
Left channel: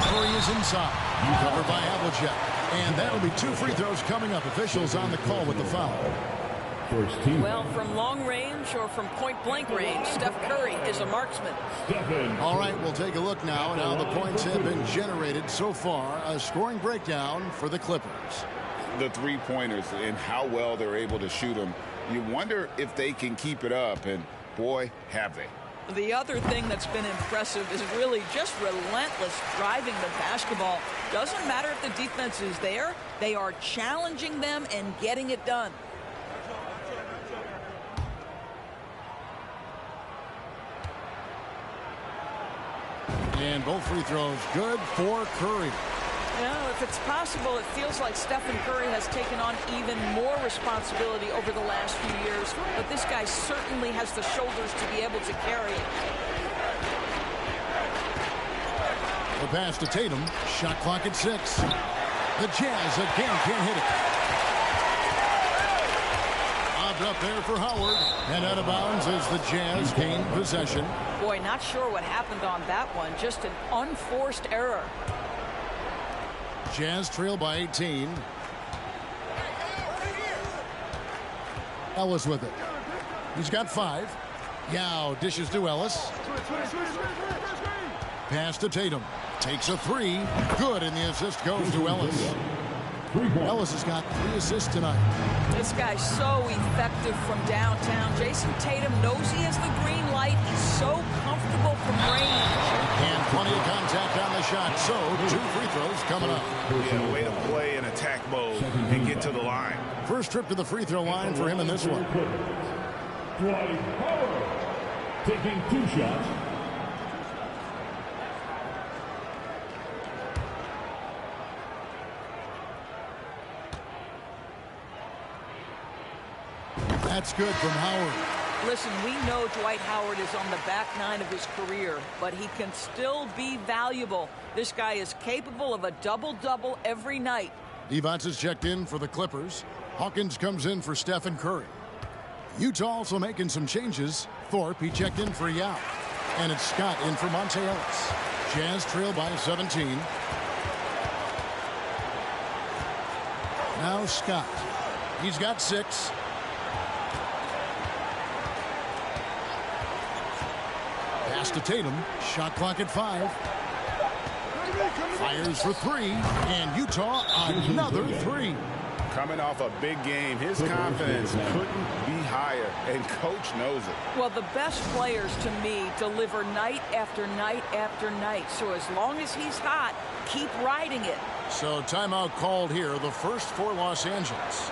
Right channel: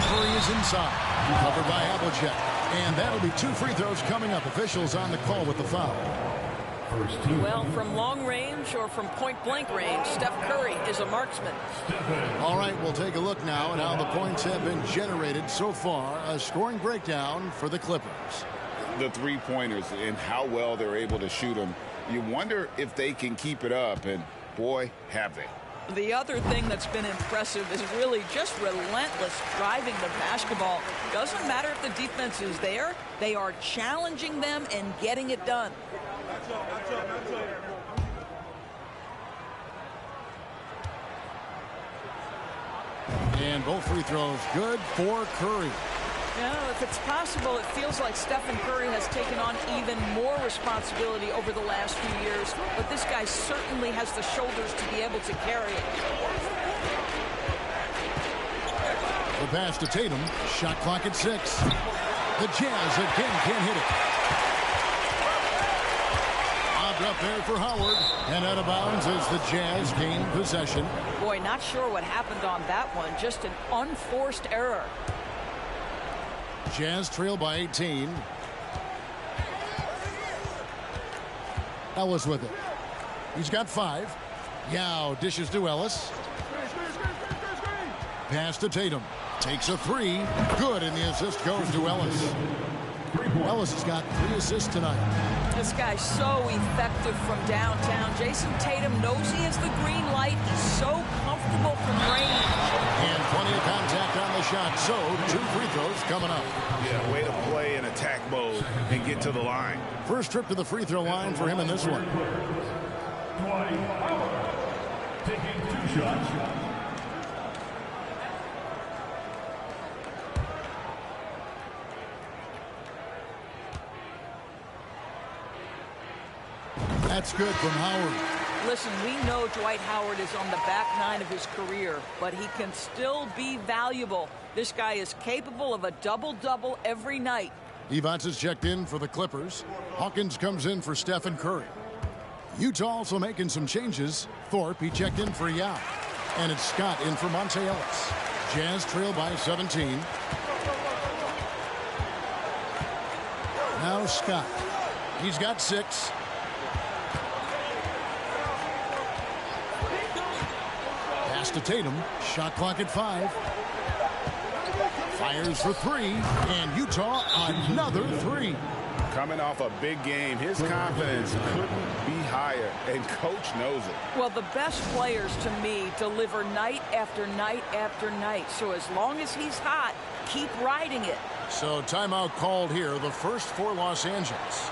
Curry is inside. Covered by Havlicek. And that'll be 2 free throws coming up. Officials on the call with the foul. Well, from long range or from point-blank range, Steph Curry is a marksman. All right, we'll take a look now at how the points have been generated so far. A scoring breakdown for the Clippers. The three-pointers and how well they're able to shoot them. You wonder if they can keep it up, and boy, have they. The other thing that's been impressive is really just relentless driving the basketball. Doesn't matter if the defense is there, they are challenging them and getting it done. And both free throws good for Curry. You know, if it's possible, it feels like Stephen Curry has taken on even more responsibility over the last few years, but this guy certainly has the shoulders to be able to carry it. The pass to Tatum. Shot clock at 6. The Jazz again can't hit it. Lobbed up there for Howard, and out of bounds as the Jazz gain possession. Boy, not sure what happened on that one. Just an unforced error. Jazz trail by 18. Ellis with it. He's got 5. Yao dishes to Ellis. Pass to Tatum. Takes a 3. Good, and the assist goes to Ellis. Ellis has got 3 assists tonight. This guy's so effective from downtown. Jason Tatum knows he has the green light. He's so comfortable from range. And plenty of contact on the shot. So 2 free throws coming up. Yeah, way to play in attack mode and get to the line. First trip to the free throw line for him in this one. Dwight Howard taking 2 shots. That's good from Howard. Listen, we know Dwight Howard is on the back 9 of his career, but he can still be valuable. This guy is capable of a double-double every night. Devonts is checked in for the Clippers. Hawkins comes in for Stephen Curry. Utah also making some changes. Thorpe, he checked in for Yao. And it's Scott in for Monte Ellis. Jazz trail by 17. Now Scott. He's got 6. Pass to Tatum. Shot clock at 5. Fires for 3. And Utah another 3. Coming off a big game, his confidence couldn't be higher, and coach knows it. Well, the best players to me deliver night after night after night. So as long as he's hot, keep riding it. So timeout called here, the first for Los Angeles.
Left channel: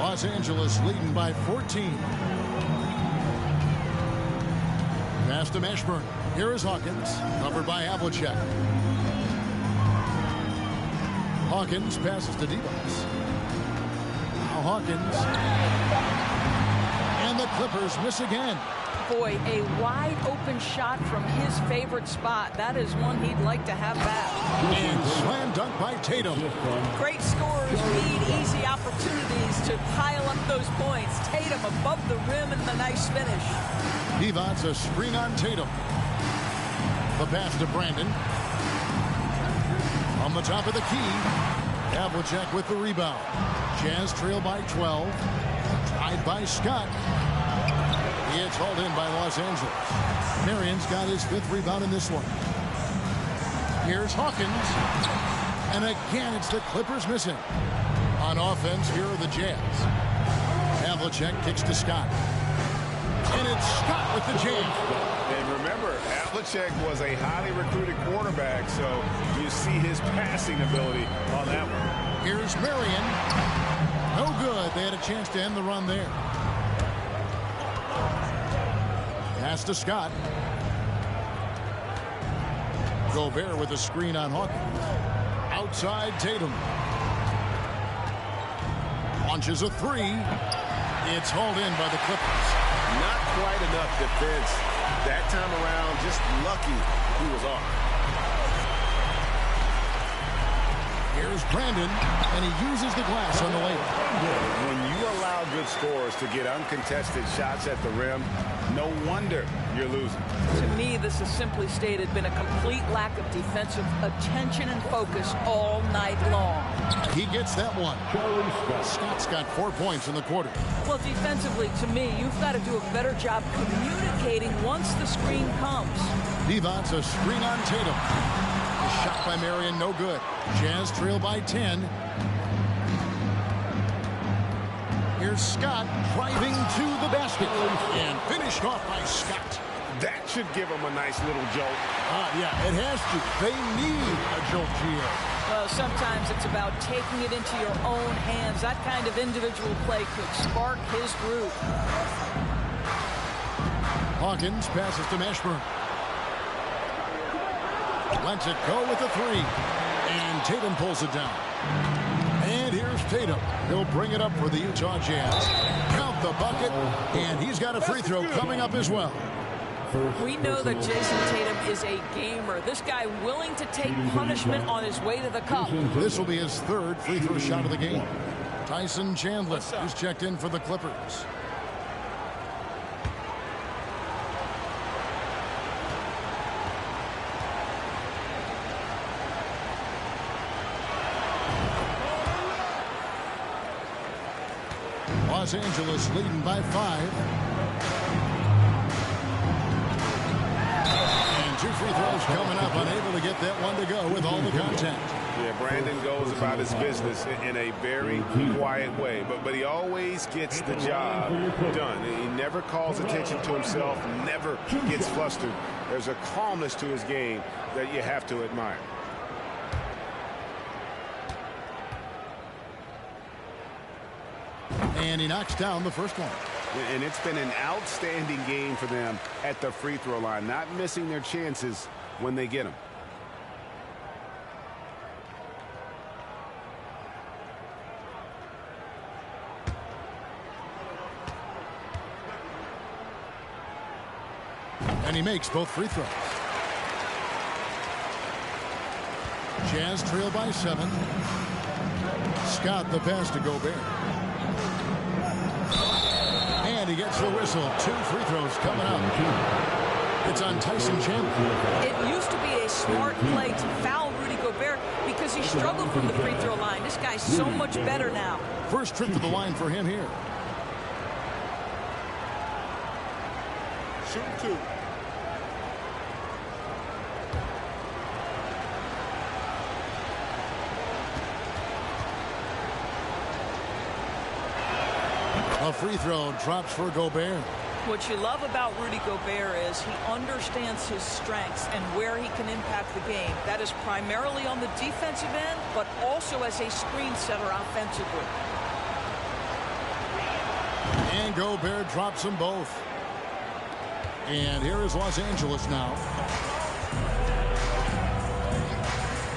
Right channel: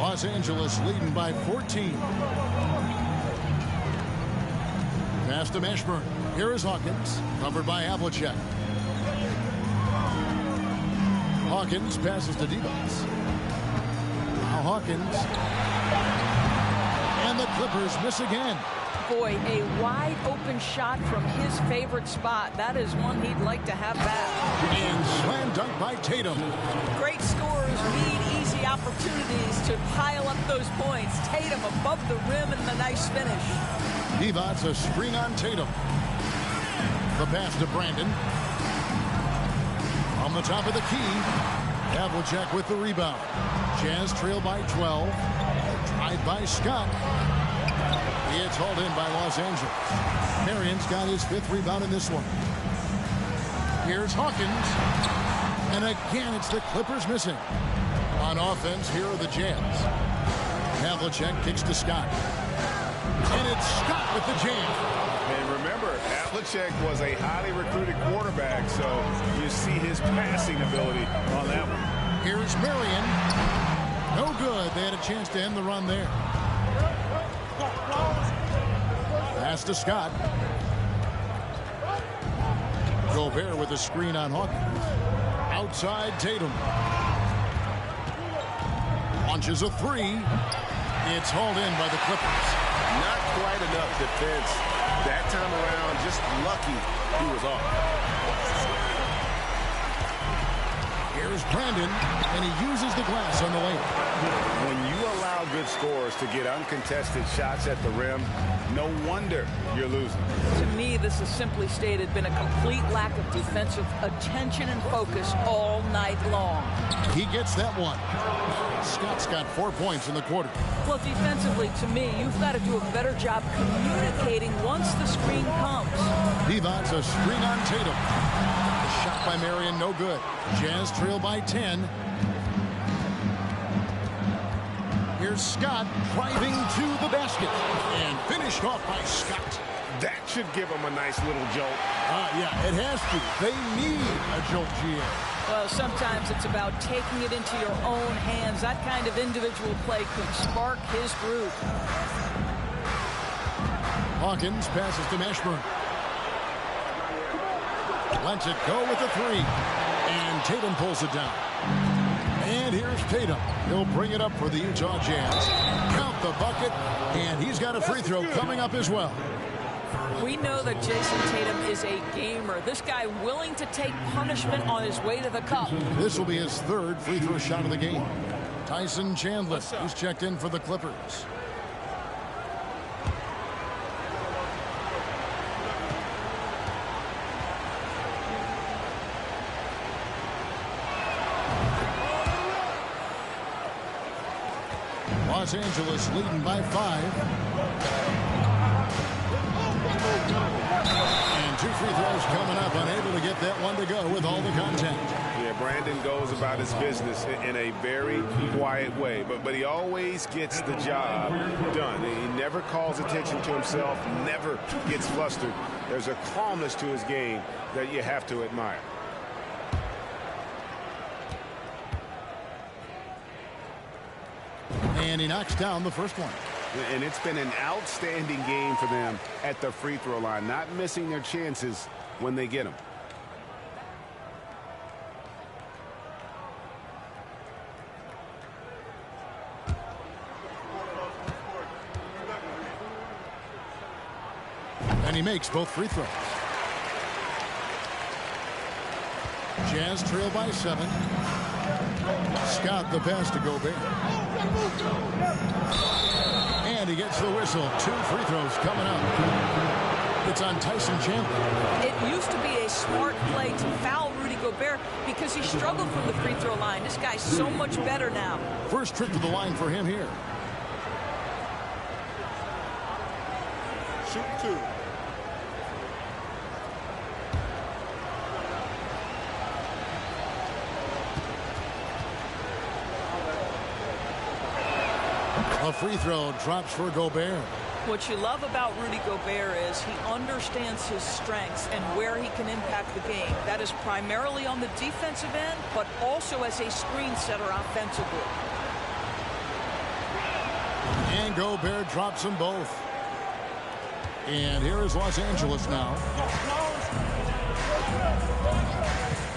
Los Angeles leading by 14. Pass to Mashburn. Here is Hawkins, covered by Havlicek. Hawkins passes to Divas. Now Hawkins. And the Clippers miss again. Boy, a wide open shot from his favorite spot. That is one he'd like to have back. And slam dunk by Tatum. Great scorers need easy opportunities to pile up those points. Tatum above the rim and the nice finish. Divas a screen on Tatum. The pass to Brandon. On the top of the key. Havlicek with the rebound. Jazz trail by 12. Tried by Scott. It's hauled in by Los Angeles. Marion's got his 5th rebound in this one. Here's Hawkins. And again, it's the Clippers missing. On offense, here are the Jazz. Havlicek kicks to Scott. And it's Scott with the jam. And remember, Havlicek was a highly recruited quarterback, so you see his passing ability on that one. Here's Marion. No good. They had a chance to end the run there. Pass to Scott. Gobert with a screen on Hawkins. Outside Tatum. Launches a 3. It's hauled in by the Clippers. Not quite enough defense that time around. Just lucky he was off. Here's Brandon, and he uses the glass on the layup. When you allow good scorers to get uncontested shots at the rim, no wonder you're losing. To me, this has simply stated been a complete lack of defensive attention and focus all night long. He gets that one. Scott's got 4 points in the quarter. Well, defensively, to me, you've got to do a better job communicating once the screen comes. Devon's a screen on Tatum. The shot by Marion, no good. Jazz trail by 10. Here's Scott driving to the basket. And finished off by Scott. That should give him a nice little jolt. Yeah, it has to. They need a jolt, GA. Well, sometimes it's about taking it into your own hands. That kind of individual play could spark his groove. Hawkins passes to Mashburn. Lets it go with a 3. And Tatum pulls it down. And here's Tatum. He'll bring it up for the Utah Jazz. Count the bucket. And he's got a free throw coming up as well. We know that Jason Tatum is a gamer. This guy willing to take punishment on his way to the cup. This will be his 3rd free throw shot of the game. Tyson Chandler, who's checked in for the Clippers. Los Angeles leading by 5. And 2 free throws coming up. Unable to get that one to go with all the contact. Yeah, Brandon goes about his business in a very quiet way. But he always gets the job done. He never calls attention to himself, never gets flustered. There's a calmness to his game that you have to admire. And he knocks down the first one. And it's been an outstanding game for them at the free throw line, not missing their chances when they get them. And he makes both free throws. Jazz trail by 7. Scott the pass to Gobert. And he gets the whistle. 2 free throws coming up. It's on Tyson Chandler. It used to be a smart play to foul Rudy Gobert because he struggled from the free throw line. This guy's so much better now. First trip to the line for him here. Shooting 2. A free throw drops for Gobert. What you love about Rudy Gobert is he understands his strengths and where he can impact the game. That is primarily on the defensive end, but also as a screen setter offensively. And Gobert drops them both. And here is Los Angeles now.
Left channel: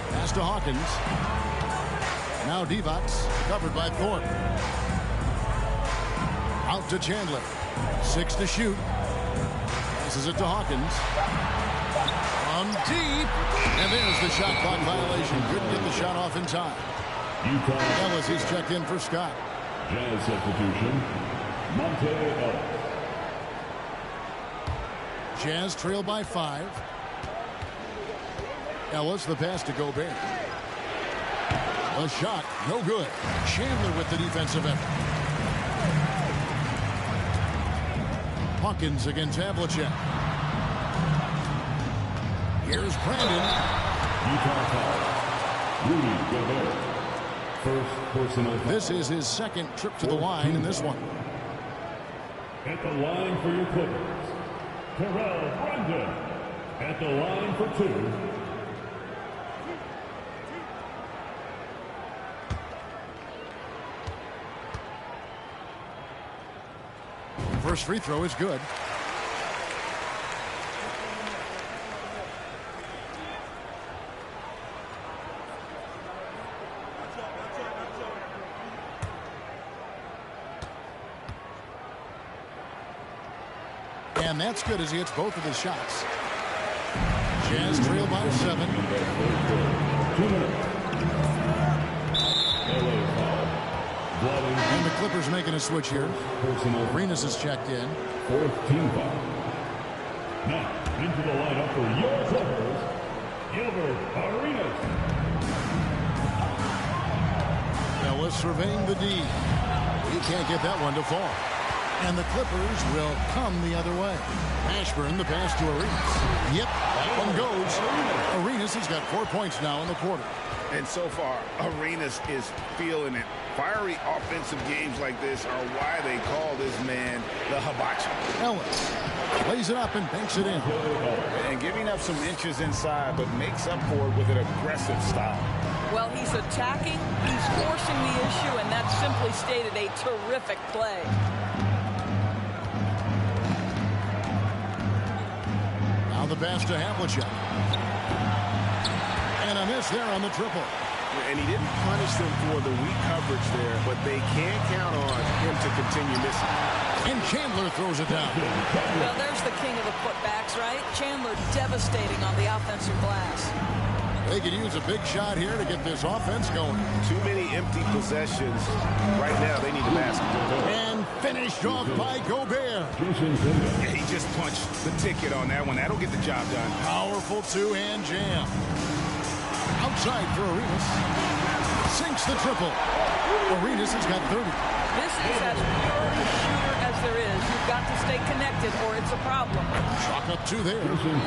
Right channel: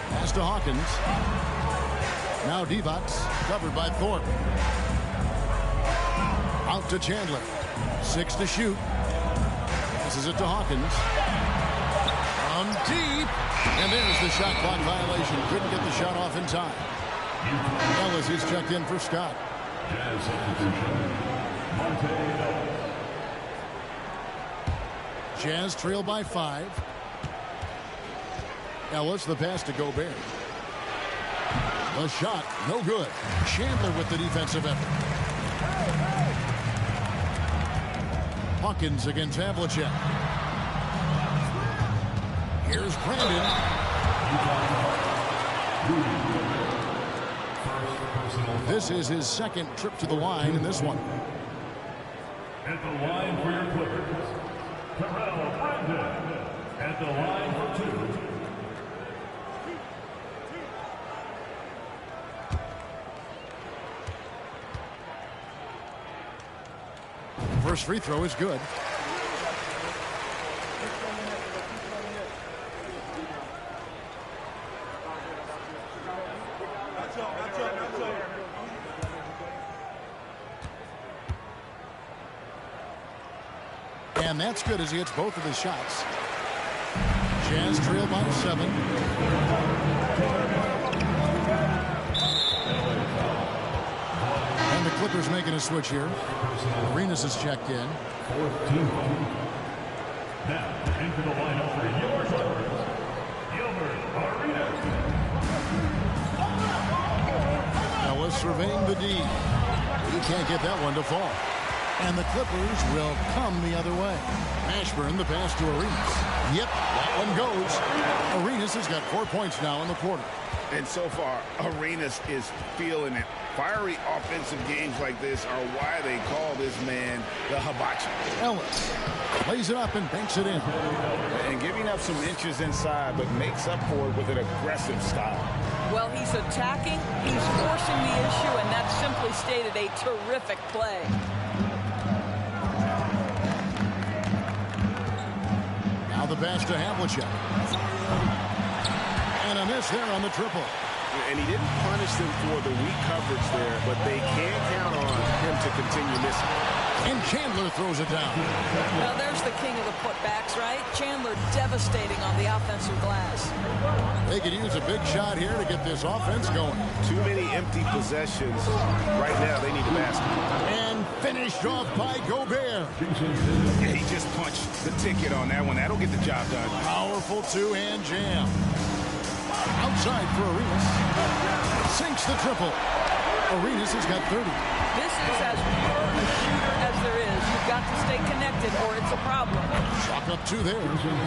Pass to Hawkins. Now Divac, covered by Thorpe. Out to Chandler. 6 to shoot. Passes it to Hawkins. From deep. And there's the shot clock violation. Couldn't get the shot off in time. Ellis is checked in for Scott. Jazz substitution, Monte Ellis. Jazz trail by 5. Ellis, the pass to Gobert. The shot, no good. Chandler with the defensive effort. Hawkins against Havlicek. Here's Brandon. Utah foul. Rudy Gobert. First personal foul. This is his second trip to the line in this one. At the line for your Clippers, Terrell Brandon. At the line for 2. First free throw is good. And that's good as he hits both of his shots. Jazz trail by 7. And the Clippers making a switch here. Arenas is checked in. 4th team foul. Now into the lineup for your Clippers, Gilbert Arenas. Ellis surveying the D. He can't get that one to fall. And the Clippers will come the other way. Mashburn, the pass to Arenas. Yep, that one goes. Arenas has got 4 points now in the quarter. And so far, Arenas is feeling it. Fiery offensive games like this are why they call this man the hibachi. Ellis plays it up and banks it in. And giving up some inches inside, but makes up for it with an aggressive style. Well, he's attacking, he's forcing the issue, and that's simply stated a terrific play. Now the pass to Havlicek. And a miss there on the triple. And he didn't punish them for the weak coverage there, but they can't count on him to continue missing. And Chandler throws it down. Well, there's the king of the putbacks, right? Chandler devastating on the offensive glass. They could use a big shot here to get this offense going. Too many empty possessions. Right now, they need a basket. And finished off by Gobert. Yeah, he just punched the ticket on that one. That'll get the job done. Powerful two-hand jam. Outside for Arenas. Sinks the triple. Arenas has got 30. This is as pure a shooter as there is. You've got to stay connected or it's a problem. Chalk up 2 there.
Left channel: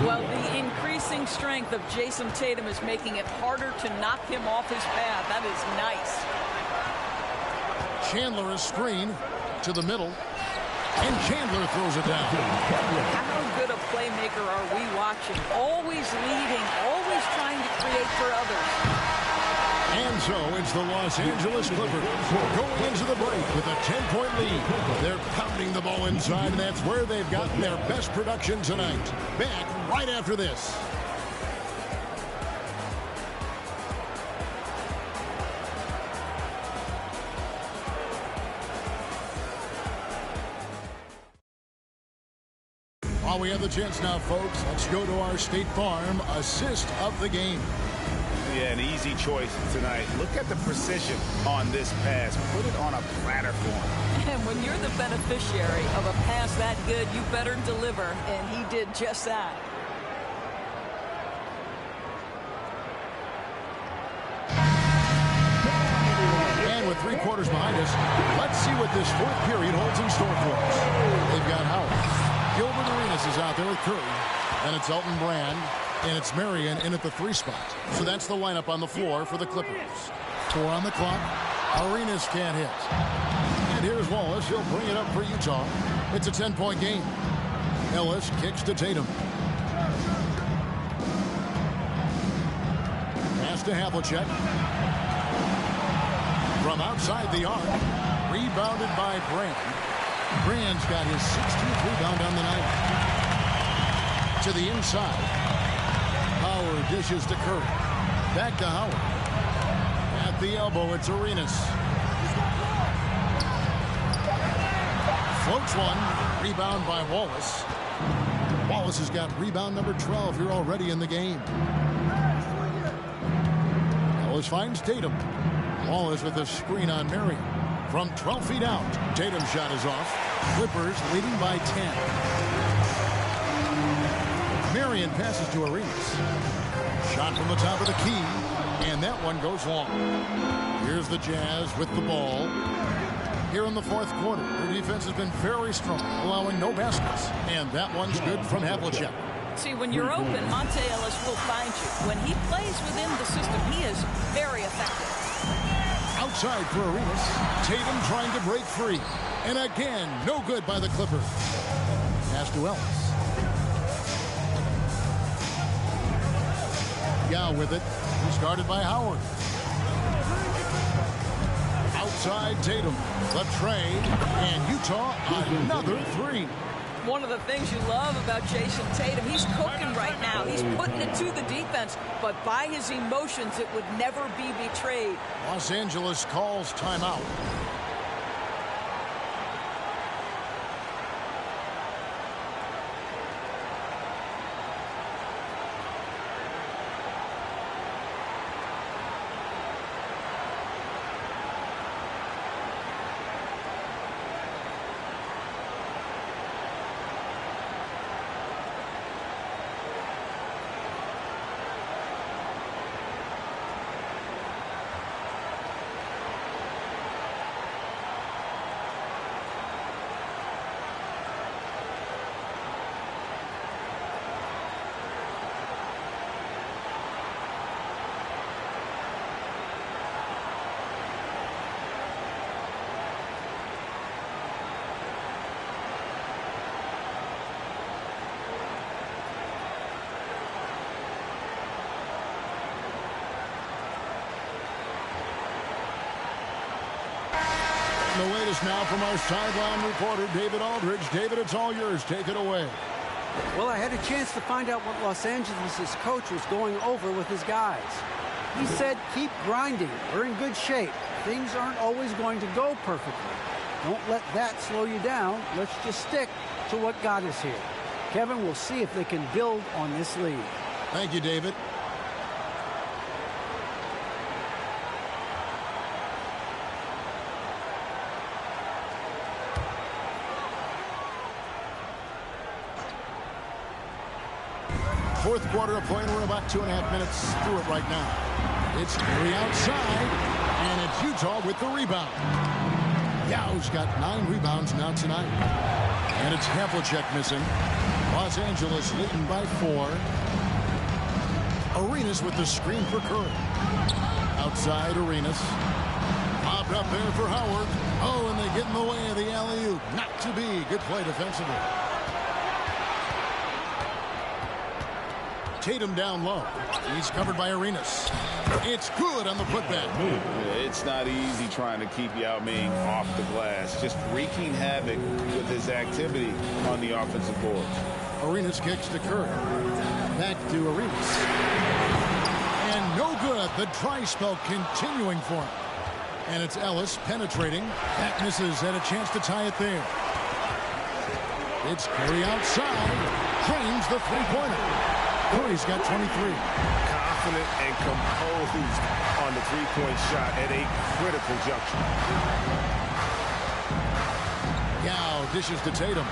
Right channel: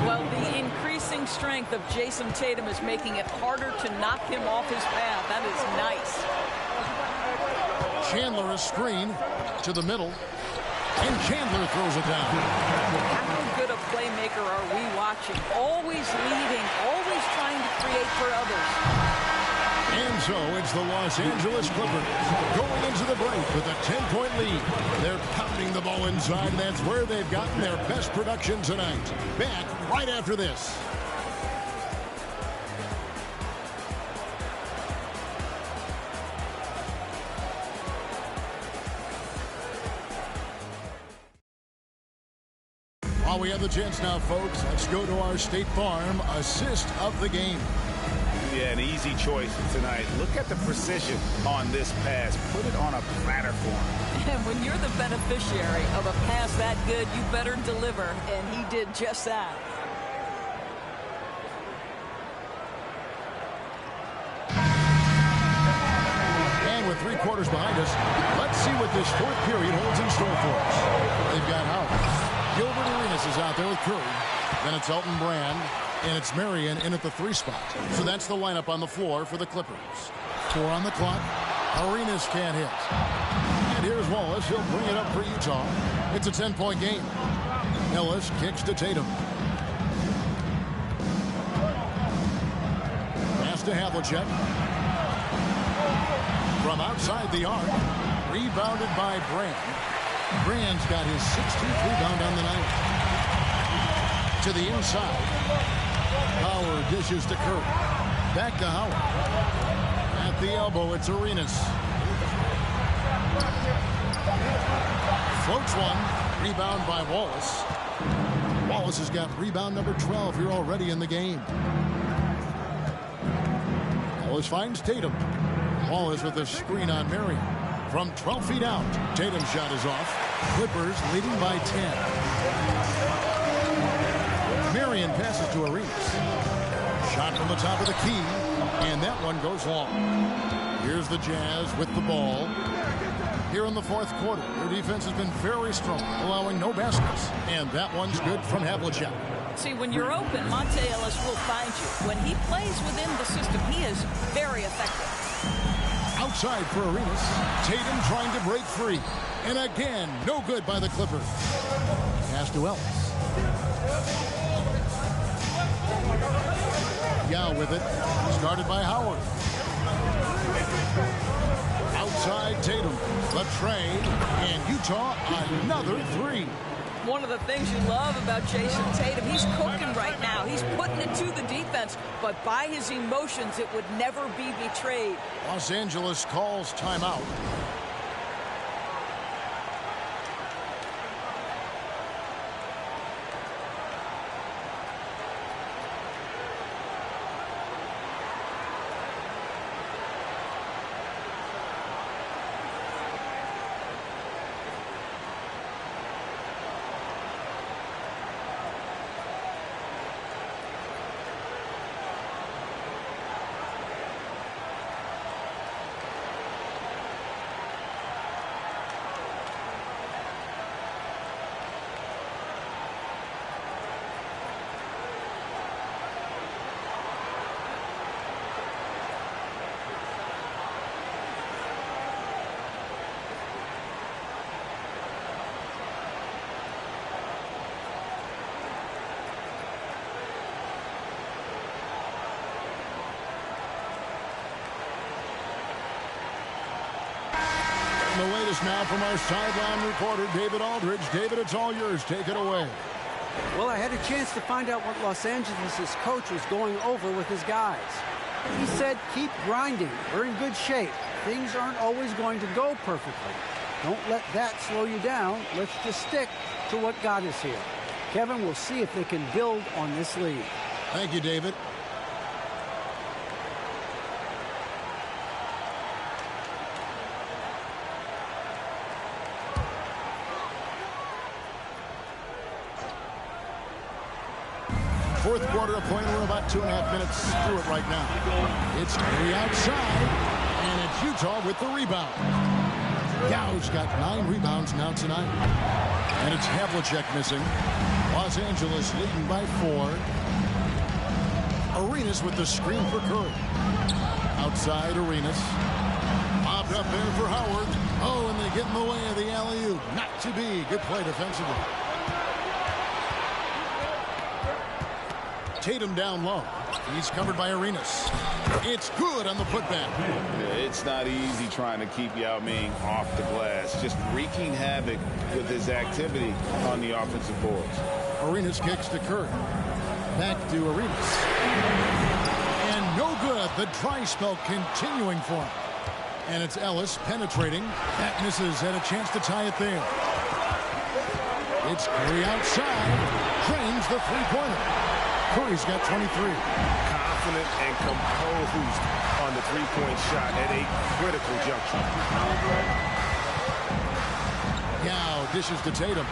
Well, the increasing strength of Jason Tatum is making it harder to knock him off his path. That is nice. Chandler a screen to the middle. And Chandler throws it down. How good a playmaker are we watching? Always leading, always trying to create for others. And so it's the Los Angeles Clippers going into the break with a 10-point lead. They're pounding the ball inside, and that's where they've gotten their best production tonight. Back right after this. While we have the chance now, folks, let's go to our State Farm assist of the game. Yeah, an easy choice tonight. Look at the precision on this pass. Put it on a platter for him. And when you're the beneficiary of a pass that good, you better deliver. And he did just that. And with 3 quarters behind us, let's see what this 4th period holds in store for us. They've got Howard. Gilbert Arenas is out there with Curry. Then it's Elton Brand. And it's Marion in at the 3 spot. So that's the lineup on the floor for the Clippers. 4 on the clock. Arenas can't hit. And here's Wallace. He'll bring it up for Utah. It's a 10-point game. Ellis kicks to Tatum. Pass to Havlicek. From outside the arc. Rebounded by Brand. Brand's got his 16th rebound on the night. To the inside. Howard dishes to Curry. Back to Howard. At the elbow, it's Arenas. Floats one. Rebound by Wallace. Wallace has got rebound number 12 here already in the game. Ellis finds Tatum. Wallace with a screen on Marion. From 12 feet out, Tatum's shot is off. Clippers leading by 10. Marion passes to Arenas. Shot from the top of the key, and that one goes long. Here's the Jazz with the ball. Here in the fourth quarter, their defense has been very strong, allowing no baskets. And that one's good from Havlicek. See, when you're open, Monte Ellis will find you. When he plays within the system, he is very effective. Outside for Arenas. Tatum trying to break free. And again, no good by the Clippers. Pass to Ellis. Yao with it. Started by Howard. Outside Tatum. The trade. And Utah another three. One of the things you love about Jason Tatum, he's cooking right now. He's putting it to the defense, but by his emotions, it would never be betrayed. Los Angeles calls timeout. The latest now from our sideline reporter, David Aldridge. David, it's all yours. Take it away. Well, I had a chance to find out what Los Angeles' coach was going over with his guys. He said, keep grinding. We're in good shape. Things aren't always going to go perfectly. Don't let that slow you down. Let's just stick to what got us here. Kevin, we'll see if they can build on this lead. Thank you, David. Fourth quarter of play. We're about 2.5 minutes through it right now. It's Curry outside, and it's Utah with the rebound. Yao's got 9 rebounds now tonight. And it's Havlicek missing. Los Angeles leading by 4. Arenas with the screen for Curry. Outside Arenas. Popped up there for Howard. Oh, and they get in the way of the alley-oop. Not to be. Good play defensively. Tatum down low. He's covered by Arenas. It's good on the putback. Yeah, it's not easy trying to keep Yao Ming off the glass. Just wreaking havoc with his activity on the offensive boards. Arenas kicks to Curry. Back to Arenas. And no good. The dry spell continuing for him. And it's Ellis penetrating. That misses. Had a chance to tie it there. It's Curry outside. Drains the three-pointer. Curry's got 23. Confident and composed on the three-point shot at a critical juncture. Yao dishes to Tatum.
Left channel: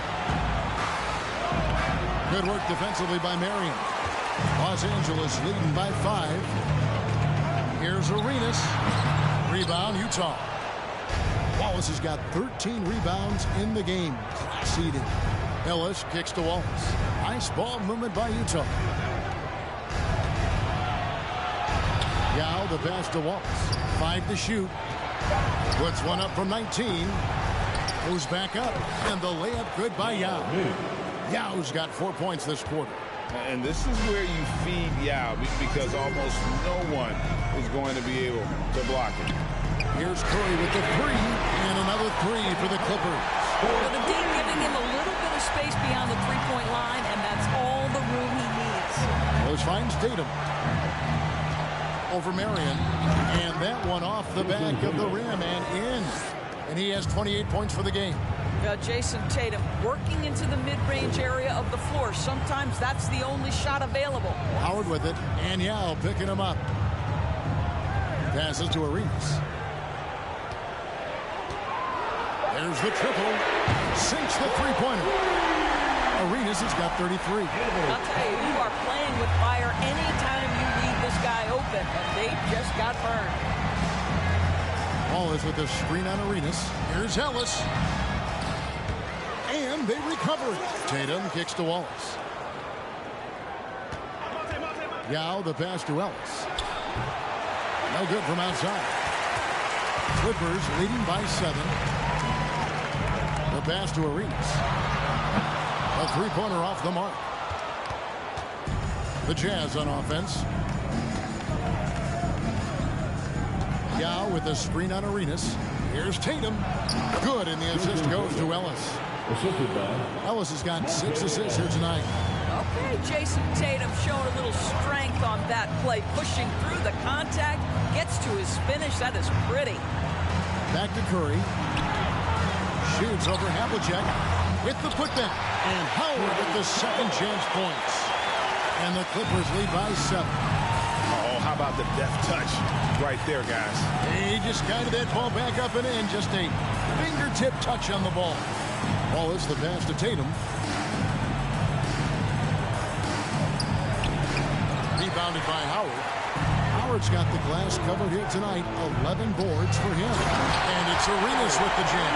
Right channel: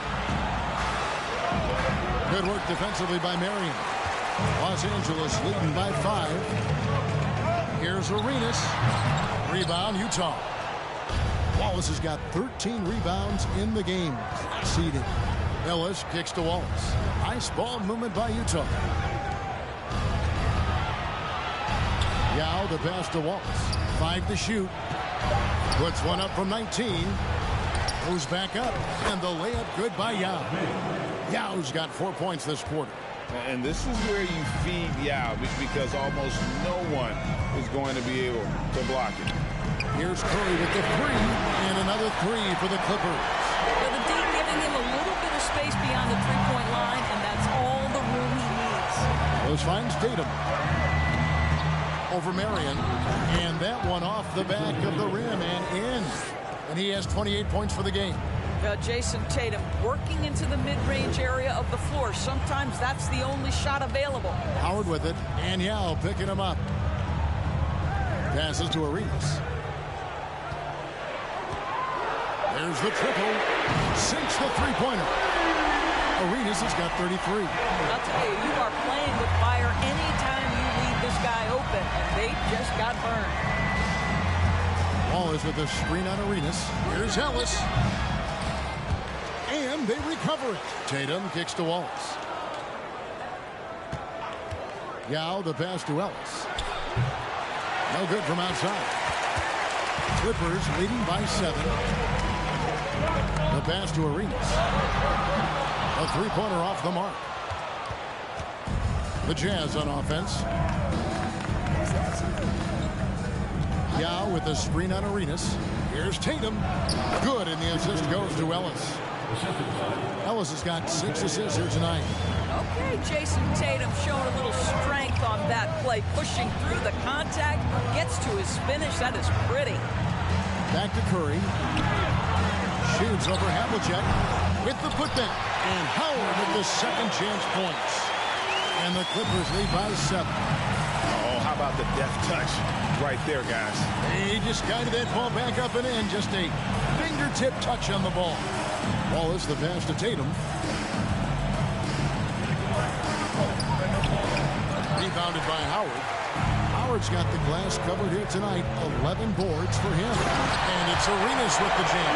Good work defensively by Marion. Los Angeles leading by 5. Here's Arenas. Rebound, Utah. Wallace has got 13 rebounds in the game. Class eating. Ellis kicks to Wallace. Nice ball movement by Utah. Yao the pass to Wallace. 5 to shoot. Puts one up from 19. Goes back up. And the layup good by Yao. Yao's got 4 points this quarter. And this is where you feed Yao because almost no one is going to be able to block it. Here's Curry with the 3. And another 3 for the Clippers. But the D giving him a little bit of space beyond the three-point line, and that's all the room he needs. Willis finds Tatum. Over Marion. And that one off the back of the rim and in. And he has 28 points for the game. Jason Tatum working into the mid-range area of the floor. Sometimes that's the only shot available. Howard with it. And Yao picking him up. Passes to Arenas. There's the triple. Sinks the three-pointer. Arenas has got 33. I'll tell you, you are playing with fire anytime you leave this guy open, and they just got burned. Wallace with the screen on Arenas. Here's Ellis. And they recover it. Tatum kicks to Wallace. Yao the pass to Ellis. No good from outside. Clippers leading by 7. The pass to Arenas. A three-pointer off the mark. The Jazz on offense. Yao with the screen on Arenas. Here's Tatum. Good, and the assist goes to Ellis. Ellis has got 6 assists here tonight. Okay, Jason Tatum showing a little strength on that play, pushing through the contact, gets to his finish. That is pretty. Back to Curry. Shoots over Havlicek with the putback. And Howard with the second chance points. And the Clippers lead by 7. Oh, how about the deft touch right there, guys? He just guided that ball back up and in. Just a fingertip touch on the ball. Wallace the pass to Tatum. Rebounded by Howard. Howard's got the glass covered here tonight. 11 boards for him. And it's Arenas with the jam.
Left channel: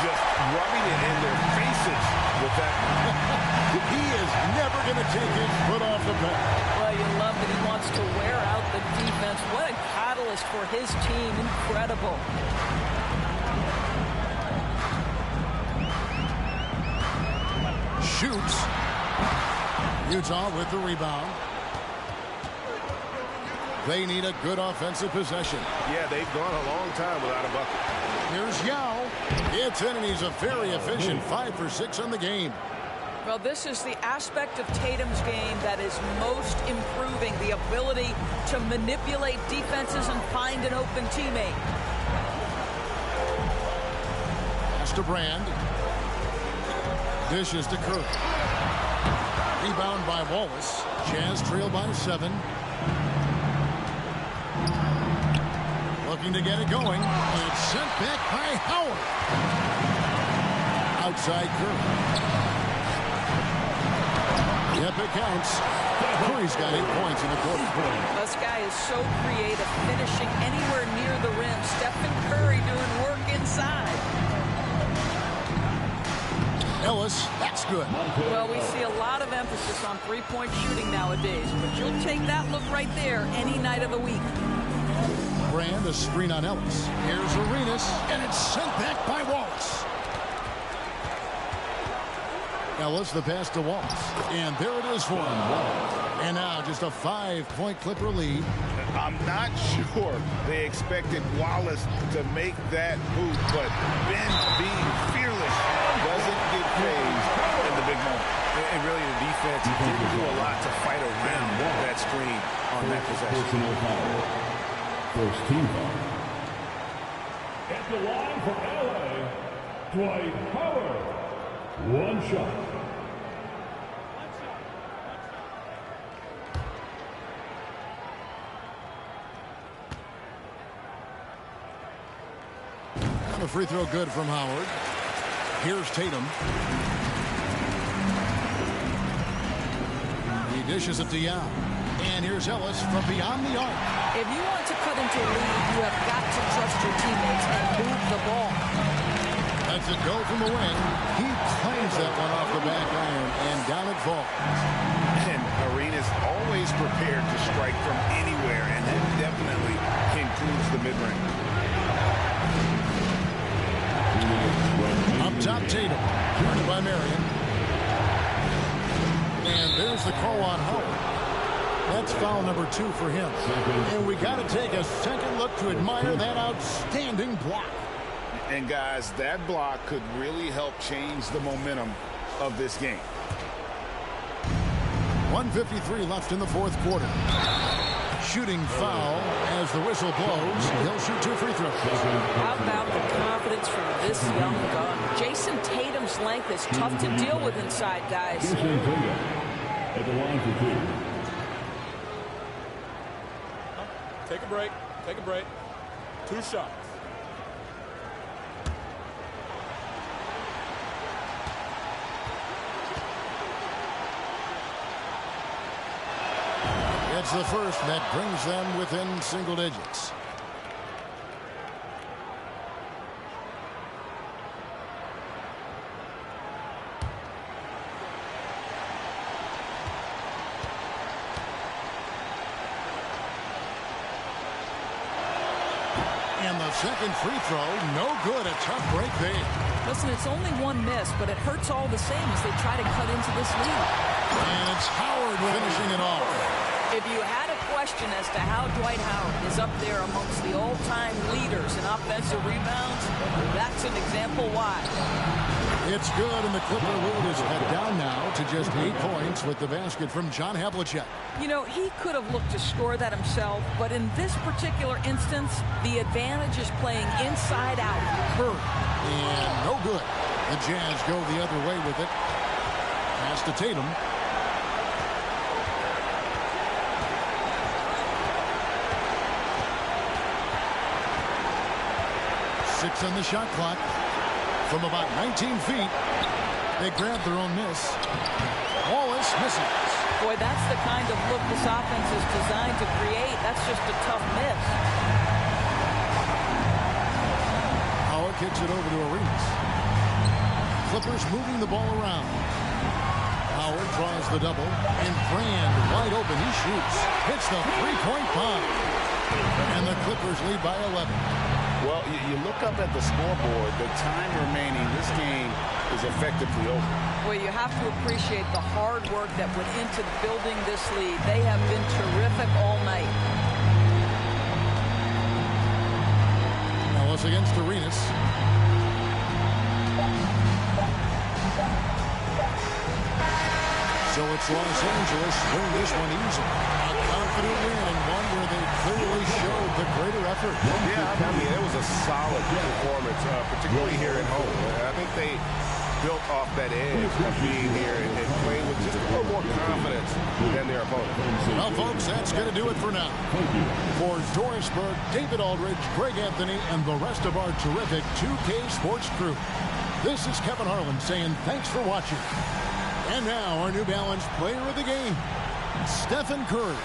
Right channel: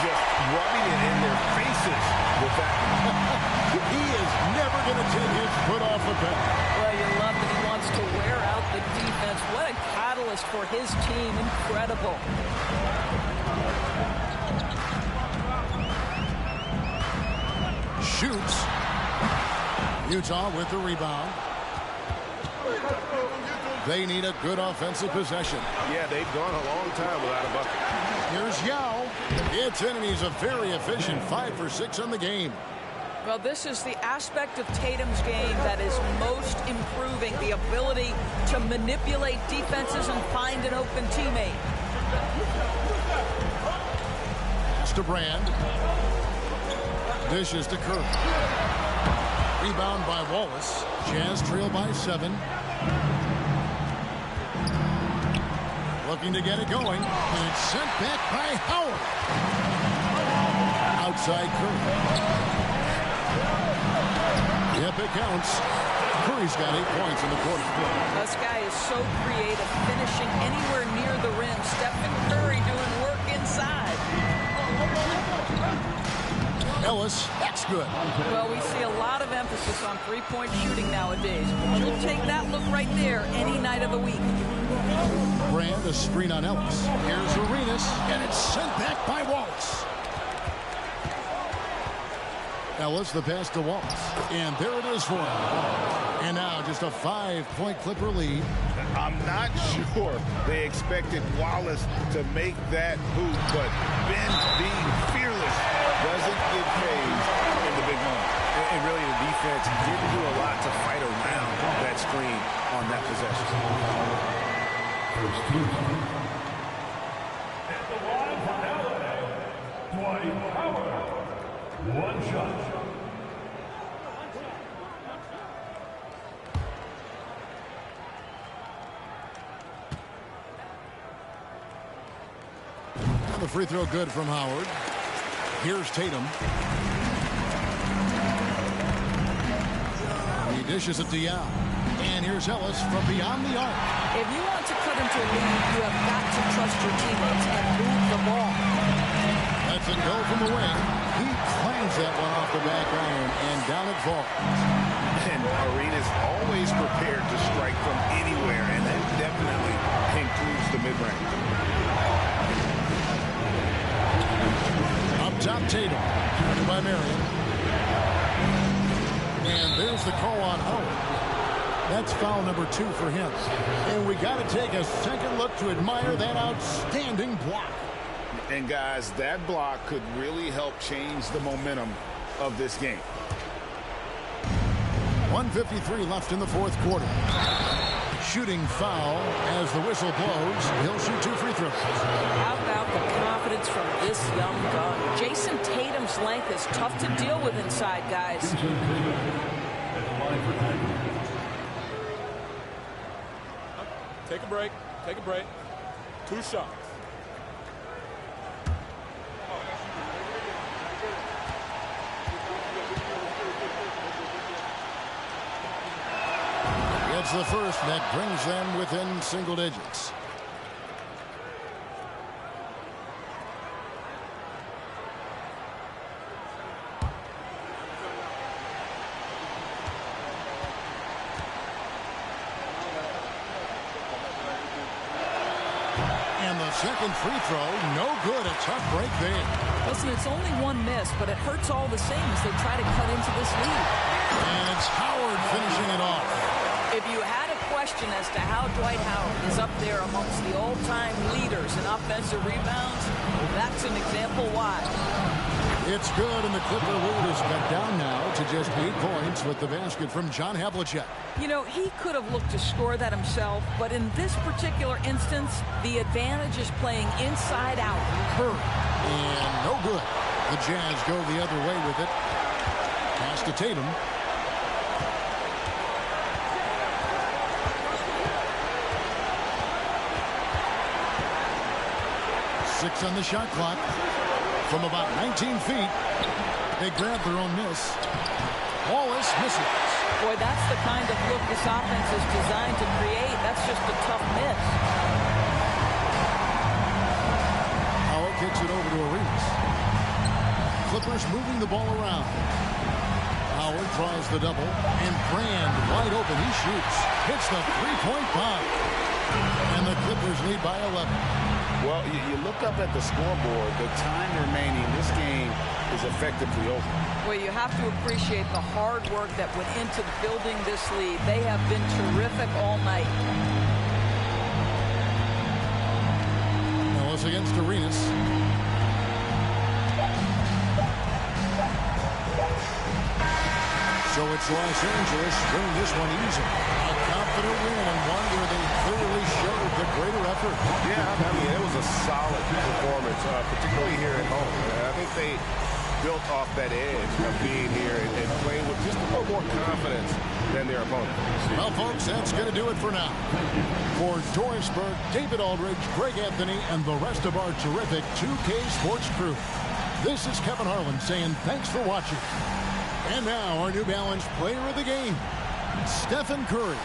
Just rubbing it in their faces with that. He is never going to take his foot off the pedal. Well, you love that he wants to wear out the defense. What a catalyst for his team. Incredible. Shoots. Utah with the rebound. They need a good offensive possession. Yeah, they've gone a long time without a bucket. Here's Yao. It's in, and he's a very efficient 5 for 6 on the game. Well, this is the aspect of Tatum's game that is most improving, the ability to manipulate defenses and find an open teammate. Pass to Brand. Dishes to Curry. Rebound by Wallace. Jazz trail by 7. Looking to get it going, and it's sent back by Howard. Outside Curry. Yep, it counts. Curry's got 8 points in the quarter. This guy is so creative, finishing anywhere near the rim. Stephen Curry doing work inside. Ellis, that's good. Well, we see a lot of emphasis on three-point shooting nowadays, but you'll take that look right there any night of the week. Brand, a screen on Ellis. Here's Arenas, and it's sent back by Wallace. Ellis, the pass to Wallace. And there it is for him. And now just a 5-point Clipper lead. I'm not sure they expected Wallace to make that hoop, but Ben being fearless doesn't get phased in the big moment. And really, the defense didn't do a lot to fight around that screen on that possession. First team foul. At the line for LA, Dwight Howard. One shot. The free throw good from Howard. Here's Tatum. He dishes it to Yao. And here's Ellis from beyond the arc. If you want to cut into a lead, you have got to trust your teammates and move the ball. Lets it go from the wing. He claims that one off the back iron, and down it falls. And Arenas always prepared to strike from anywhere, and that definitely includes the mid-range. Up top, Tatum. Guarded by Marion. And there's the call on Howard. That's foul number 2 for him. And we got to take a second look to admire that outstanding block. And guys, that block could really help change the momentum of this game. 1:53 left in the fourth quarter. Shooting foul as the whistle blows. He'll shoot 2 free throws. How about the confidence from this young gun? Jason Tatum's length is tough to deal with inside, guys. Jason Tatum at the line for 2. Take a break. Take a break. 2 shots. It's the first that brings them within single digits. And the second free throw, no good. A tough break there. Listen, it's only 1 miss, but it hurts all the same as they try to cut into this lead. And it's Howard finishing it off. If you had a question as to how Dwight Howard is up there amongst the all-time leaders in offensive rebounds, that's an example why. It's good, and the Clipper lead is cut down now to just 8 points with the basket from John Havlicek. You know, he could have looked to score that himself, but in this particular instance, the advantage is playing inside out. Curry, and no good. The Jazz go the other way with it. Pass to Tatum. Six on the shot clock. From about 19 feet, they grab their own miss. Wallace misses. Boy, that's the kind of look this offense is designed to create. That's just a tough miss. Howard kicks it over to Arenas. Clippers moving the ball around. Howard draws the double, and Brand wide open. He shoots. Hits the three-point bomb. And the Clippers lead by 11. Well, you look up at the scoreboard, the time remaining, this game is effectively over. Well, you have to appreciate the hard work that went into building this lead. They have been terrific all night. Ellis against Arenas. So it's Los Angeles winning this one easily. A confident win and one where they clearly showed the greater effort. Yeah, I mean, it was a solid performance, particularly here at home. I think they built off that edge of being here and playing with just a little more confidence than their opponent. Well, folks, that's going to do it for now. For Doris Burke, David Aldridge, Greg Anthony, and the rest of our terrific 2K Sports crew, this is Kevin Harlan saying thanks for watching. And now our New Balance player of the game, Stephen Curry.